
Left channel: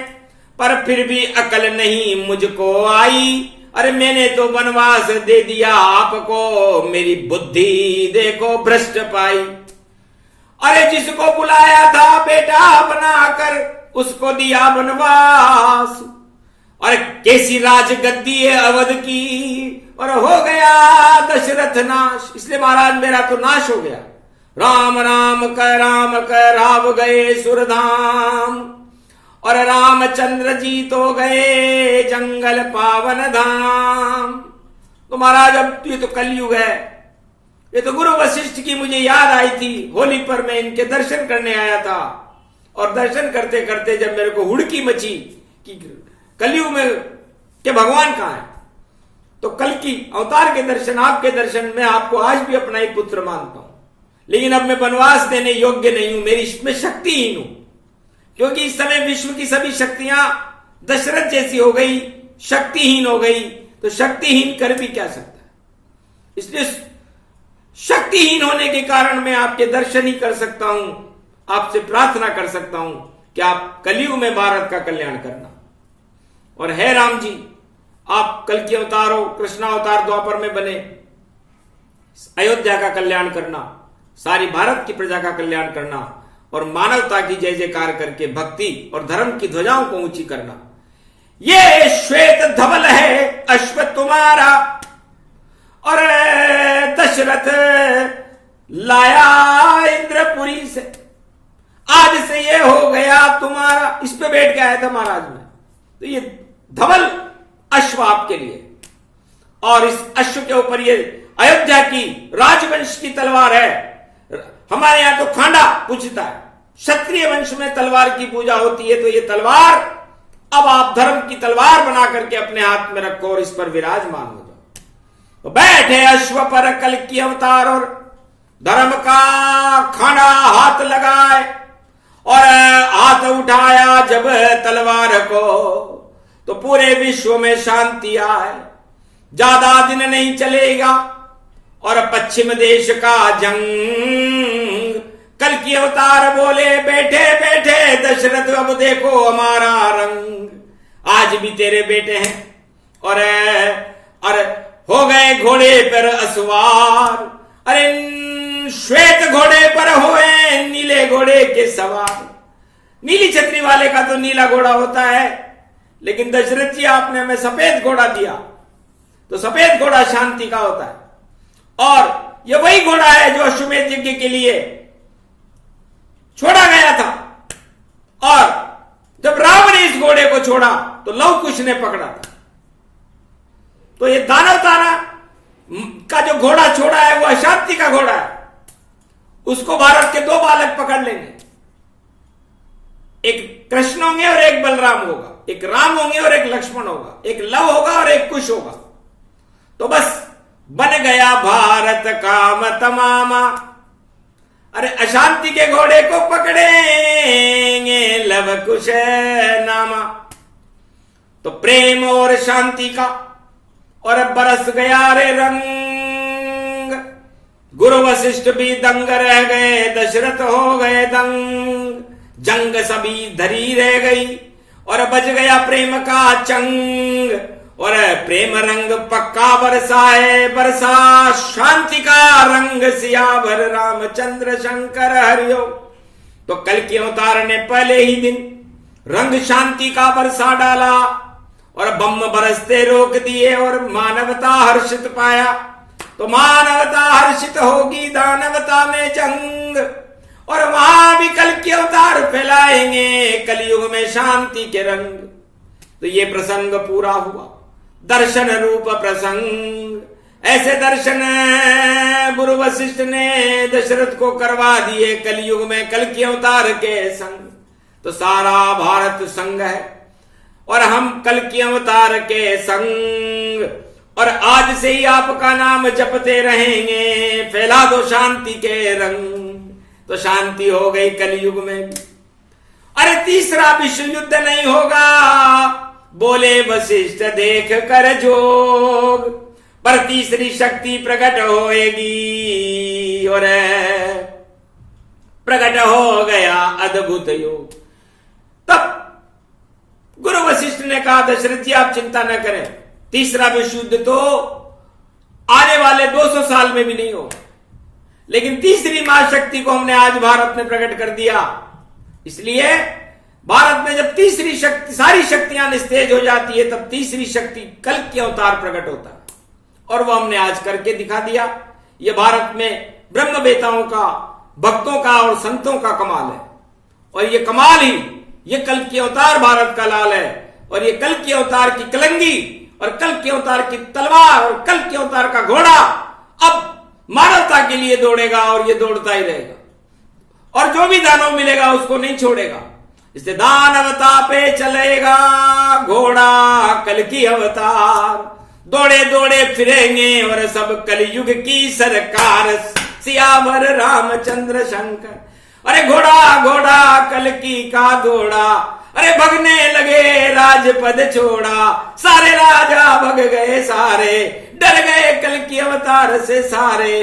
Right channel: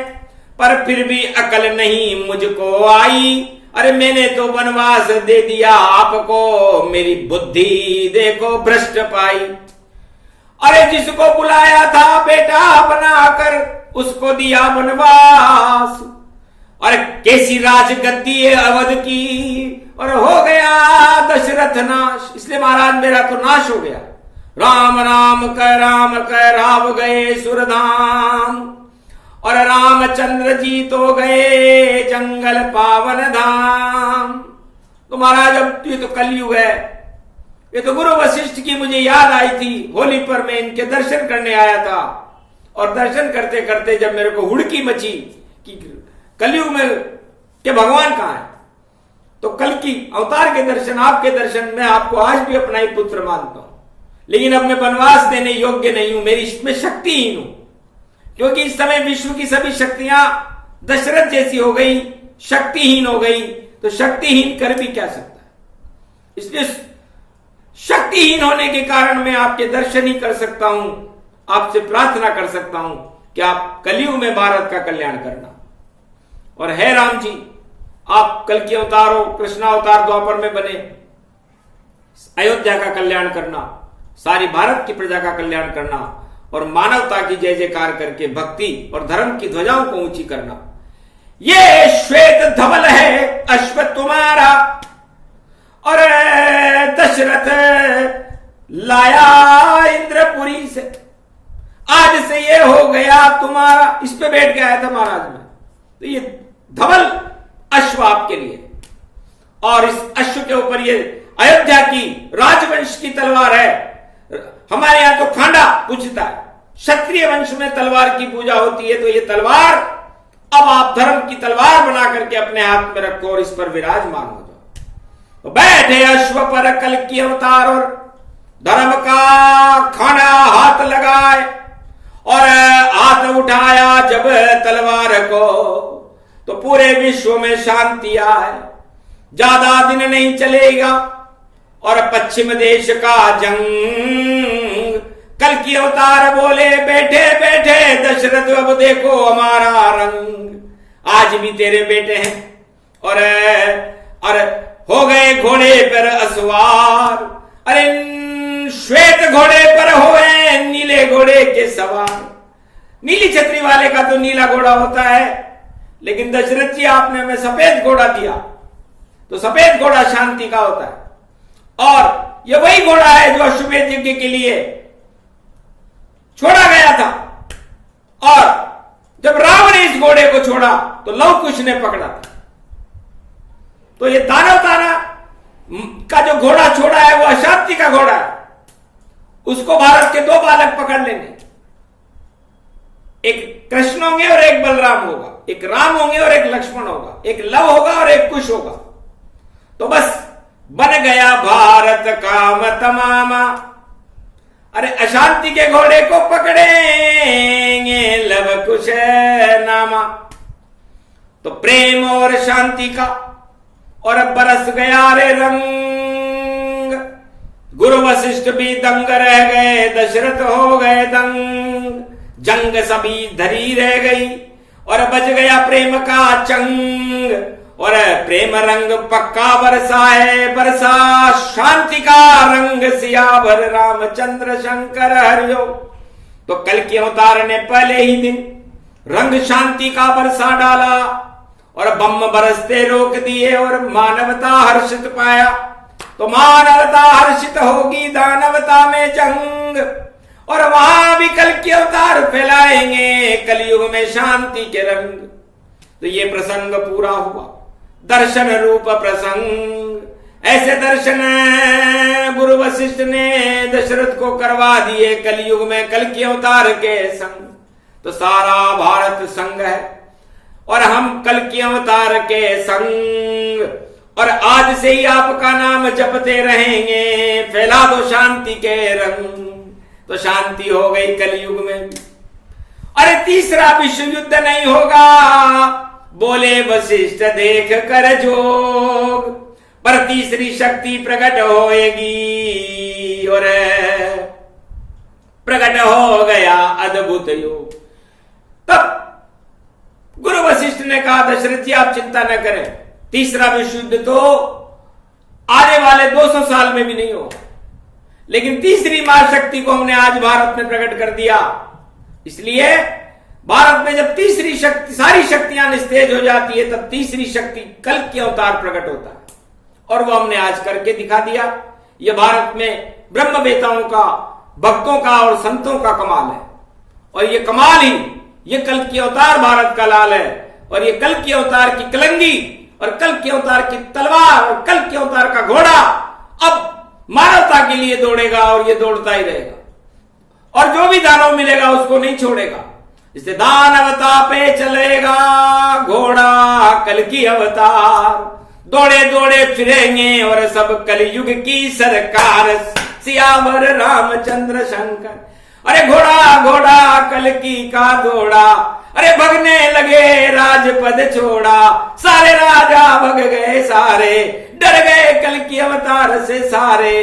पर फिर भी अकल नहीं मुझको आई। अरे मैंने तो वनवास दे दिया आपको, मेरी बुद्धि देखो भ्रष्ट पाई। अरे जिसको बुलाया था बेटा बनाकर उसको दिया वनवास। और कैसी राजगद्दी है अवध की और हो गया दशरथ नाश। इसलिए महाराज मेरा तो नाश हो गया। राम राम कह राव गए सुरधाम और रामचंद्र जी तो गए जंगल पावन धाम। तो महाराज अब ये तो कलयुग है। ये तो गुरु वशिष्ठ की मुझे याद आई थी। होली पर मैं इनके दर्शन करने आया था और दर्शन करते करते जब मेरे को हुड़की मची कि कलयुग में के भगवान कहां है, तो कल्कि अवतार के दर्शन, आपके दर्शन, मैं आपको आज भी अपना ही पुत्र मानता हूं। लेकिन अब मैं वनवास देने योग्य नहीं हूं, मेरी इसमें शक्तिहीन हूं, क्योंकि इस समय विश्व की सभी शक्तियां दशरथ जैसी हो गई, शक्तिहीन हो गई। तो शक्तिहीन कर भी क्या सकता है? इसलिए शक्तिहीन होने के कारण मैं आपके दर्शन ही कर सकता हूं, आपसे प्रार्थना कर सकता हूं कि आप कलयुग में भारत का कल्याण करना। और है राम जी, आप कल की अवतार हो, कृष्ण अवतार द्वापर में बने, अयोध्या का कल्याण करना, सारी भारत की प्रजा का कल्याण करना और मानवता की जय जयकार करके भक्ति और धर्म की ध्वजाओं को ऊंची करना। ये श्वेत धवल है अश्व तुम्हारा और दशरथ लाया इंद्रपुरी से, आज से ये हो गया तुम्हारा। इस पे बैठ के आया था महाराज में। तो ये धवल अश्व आपके लिए, और इस अश्व के ऊपर ये अयोध्या की राजवंश की तलवार है। हमारे यहां तो खांडा पूजता है, क्षत्रिय वंश में तलवार की पूजा होती है। तो ये तलवार अब आप धर्म की तलवार बना करके अपने हाथ में रखो और इस पर विराजमान हो जाओ। तो बैठे अश्व पर कल की अवतार और धर्म का खाना हाथ लगाए और हाथ उठाया जब तलवार को, तो पूरे विश्व में शांति आए। ज्यादा दिन नहीं चलेगा और पश्चिम देश का जंग। कल की अवतार बोले बैठे बैठे दशरथ अब देखो हमारा रंग। आज भी तेरे बेटे हैं और हो गए घोड़े पर असवार। अरे श्वेत घोड़े पर होए नीले घोड़े के सवार। नीली छतरी वाले का तो नीला घोड़ा होता है, लेकिन दशरथ जी आपने हमें सफेद घोड़ा दिया, तो सफेद घोड़ा शांति का होता है। और यह वही घोड़ा है जो अश्वमेध यज्ञ के लिए छोड़ा गया था, और जब राम ने इस घोड़े को छोड़ा तो लव कुश ने पकड़ा था। तो ये दानव ताना का जो घोड़ा छोड़ा है वो अशांति का घोड़ा है। उसको भारत के दो बालक पकड़ लेंगे, एक कृष्ण होंगे और एक बलराम होगा, एक राम होंगे और एक लक्ष्मण होगा, एक लव होगा और एक कुश होगा। तो बस बन गया भारत काम तमामा। अरे अशांति के घोड़े को पकड़ेंगे लव कुश नामा। तो प्रेम और शांति का और बरस गया रे रंग। गुरु वशिष्ठ भी दंग रह गए, दशरथ हो गए दंग। जंग सभी धरी रह गई और बज गया प्रेम का चंग। और प्रेम रंग पक्का बरसा है, बरसा शांति का रंग सियावर रामचंद्र शंकर हरिओ। तो कल के अवतार ने पहले ही दिन रंग शांति का बरसा डाला और बम बरसते रोक दिए और मानवता हर्षित पाया। तो मानवता हर्षित होगी दानवता में जंग, और वहां भी कल के अवतार फैलाएंगे कलयुग में शांति के रंग। तो ये प्रसंग पूरा हुआ, दर्शन रूप प्रसंग। ऐसे दर्शन गुरु वशिष्ठ ने दशरथ को करवा दिए कलयुग में कल के अवतार के संग। तो सारा भारत संग है और हम कल के अवतार के संग, और आज से ही आपका नाम जपते रहेंगे। फैला दो शांति के रंग। तो शांति हो गई कलयुग में। अरे तीसरा विश्व युद्ध नहीं होगा, बोले वशिष्ठ देख कर जोग। पर तीसरी शक्ति प्रकट होएगी और प्रकट हो गया अद्भुत योग। तब गुरु वशिष्ठ ने कहा दशरथ जी आप चिंता न करें, तीसरा विश्व युद्ध तो आने वाले 200 साल में भी नहीं होगा, लेकिन तीसरी महाशक्ति को हमने आज भारत में प्रकट कर दिया। इसलिए भारत में जब तीसरी शक्ति, सारी शक्तियां निस्तेज हो जाती है, तब तीसरी शक्ति कल के अवतार प्रकट होता है, और वो हमने आज करके दिखा दिया। ये भारत में ब्रह्म वेताओं का, भक्तों का और संतों का कमाल है, और ये कमाल ही ये कल के अवतार भारत का लाल है। और ये कल के अवतार की कलंगी और कल के अवतार की तलवार और कल के अवतार का घोड़ा अब मानवता के लिए दौड़ेगा, और ये दौड़ता ही रहेगा, और जो भी दानव मिलेगा उसको नहीं छोड़ेगा। इसलिए दानवता पे चलेगा घोड़ा कल की अवतार। दौड़े दौड़े फिरेंगे और सब कलयुग की सरकार, सियावर रामचंद्र शंकर। अरे घोड़ा घोड़ा कल की का दौड़ा, अरे भगने लगे राजपद छोड़ा। सारे राजा भग गए सारे, डर गए कल की अवतार से सारे।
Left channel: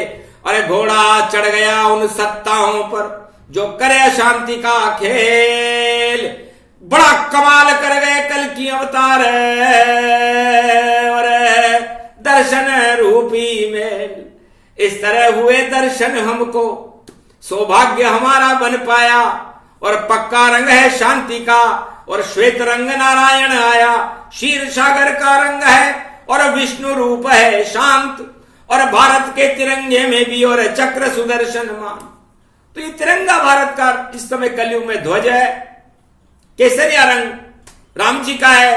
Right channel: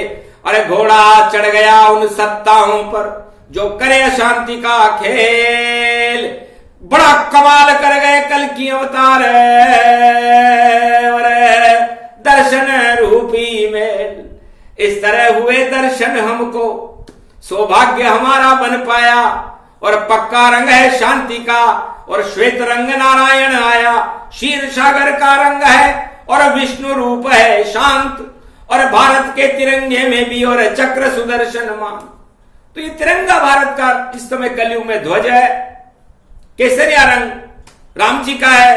अरे घोड़ा चढ़ गया उन सत्ताओं पर जो करे शांति का खेल। बड़ा कमाल कर गए कल की अवतार। सुदर्शन रूपी मेल। इस तरह हुए दर्शन हमको, सौभाग्य हमारा बन पाया। और पक्का रंग है शांति का, और श्वेत रंग नारायण आया। क्षीर सागर का रंग है और विष्णु रूप है शांत। और भारत के तिरंगे में भी और चक्र सुदर्शन मान। तो ये तिरंगा भारत का इस समय कलयुग में ध्वज है। केसरिया रंग राम जी का है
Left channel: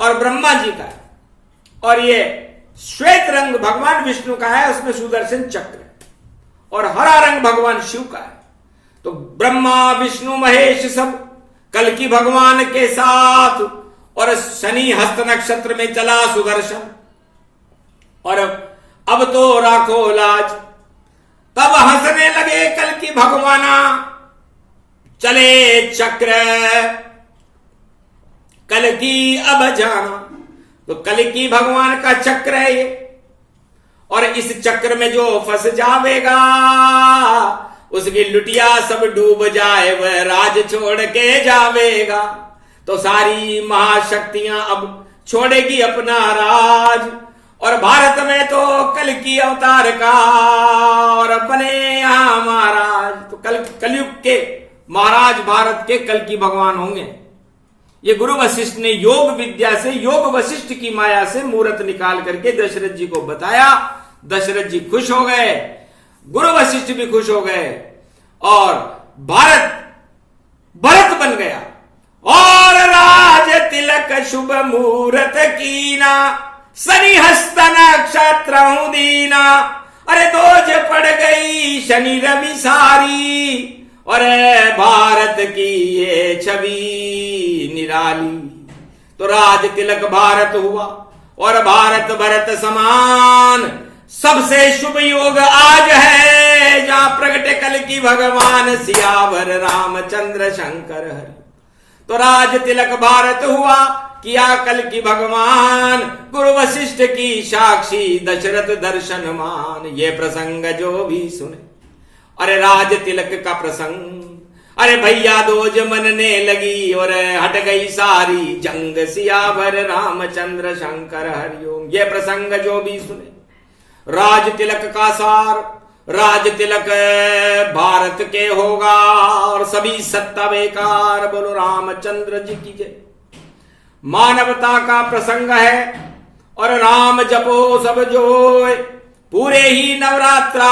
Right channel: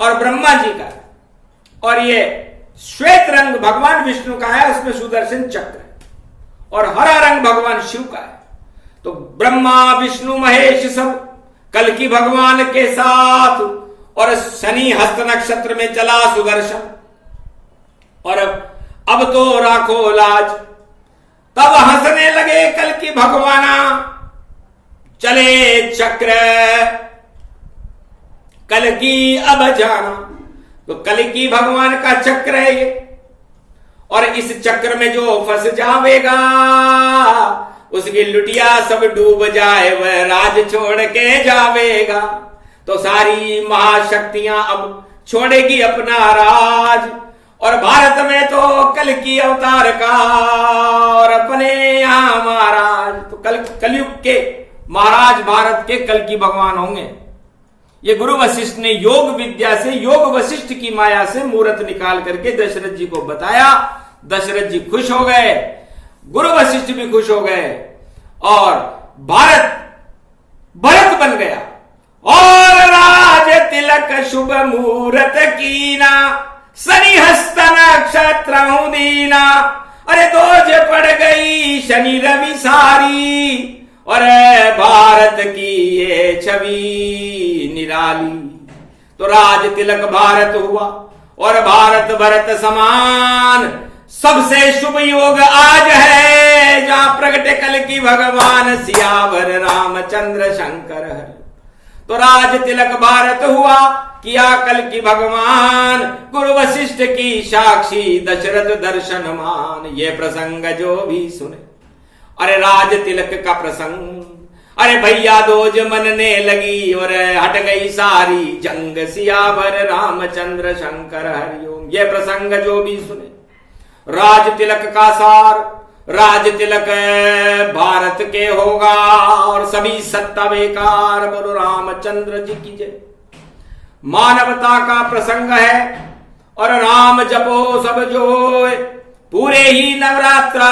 और ब्रह्मा जी का है, और ये श्वेत रंग भगवान विष्णु का है, उसमें सुदर्शन चक्र है। और हरा रंग भगवान शिव का है। तो ब्रह्मा विष्णु महेश सब कल्कि भगवान के साथ। और शनि हस्त नक्षत्र में चला सुदर्शन। और अब तो राखो लाज, तब हंसने लगे कल्कि भगवाना। चले चक्र कल्कि अब जाना। तो कल्कि भगवान का चक्र है ये। और इस चक्र में जो फंस जावेगा, उसकी लुटिया सब डूब जाए, वह राज छोड़ के जावेगा। तो सारी महाशक्तियां अब छोड़ेगी अपना राज। और भारत में तो कल्कि अवतार का, और अपने यहां महाराज। तो कलयुग के महाराज भारत के कल्कि भगवान होंगे। ये गुरु वशिष्ठ ने योग विद्या से, योग वशिष्ठ की माया से मूर्त निकाल करके दशरथ जी को बताया। दशरथ जी खुश हो गए, गुरु वशिष्ठ भी खुश हो गए, और भारत भरत बन गया। और राज तिलक शुभ मुहूर्त कीना, शनि हस्त नक्षत्र दीना। अरे दोज पड़ गई शनि रवि सारी, और भारत की ये छवि निराली। तो राज तिलक भारत हुआ, और भारत भरत समान। सबसे शुभ योग आज है, जहां प्रगटे कल्कि भगवान सियावर रामचंद्र शंकर हरि। तो राज तिलक भारत हुआ, किया कल्कि भगवान। गुरु वशिष्ठ की साक्षी दशरथ दर्शन मान। ये प्रसंग जो भी सुने, अरे राज तिलक का प्रसंग। अरे भैया दोज मनने लगी, और हट गई सारी जंग। सियावर रामचंद्र शंकर हरिओम। ये प्रसंग जो भी सुने, राज तिलक का सार। राज तिलक भारत के होगा, और सभी सत्ता बेकार। बोलो रामचंद्र जी की जय। मानवता का प्रसंग है, और राम जपो सब जोय। पूरे ही नवरात्रा,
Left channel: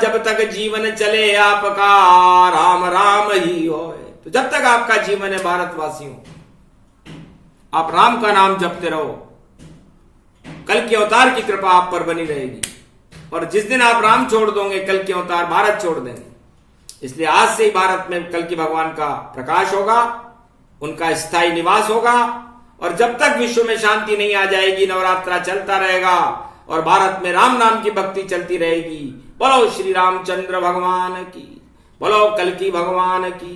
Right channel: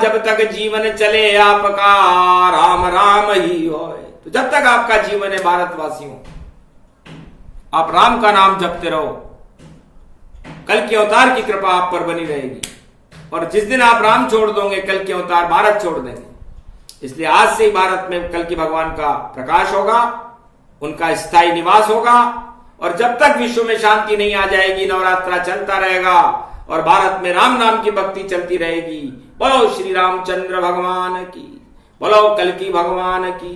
जब तक जीवन चले आपका, राम राम ही होए। तो जब तक आपका जीवन है भारतवासियों, आप राम का नाम जपते रहो। कल्कि अवतार की कृपा आप पर बनी रहेगी। और जिस दिन आप राम छोड़ दोगे, कल्कि अवतार भारत छोड़ देंगे। इसलिए आज से ही भारत में कल्कि भगवान का प्रकाश होगा, उनका स्थायी निवास होगा। और जब तक विश्व में शांति नहीं आ जाएगी, नवरात्रा चलता रहेगा, और भारत में राम नाम की भक्ति चलती रहेगी। बोलो श्री रामचंद्र भगवान की, बोलो कल्कि भगवान की,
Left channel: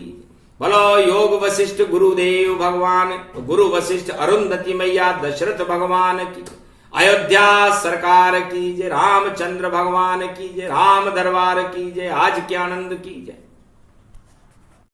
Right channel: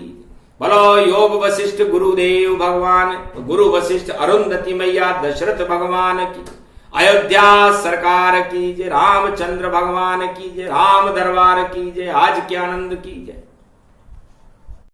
बोलो योग वशिष्ठ गुरुदेव भगवान, गुरु वशिष्ठ अरुंधति मैया दशरथ भगवान की, अयोध्या सरकार की जय, रामचंद्र भगवान की जय, राम दरबार की जय, आज के आनंद की जय।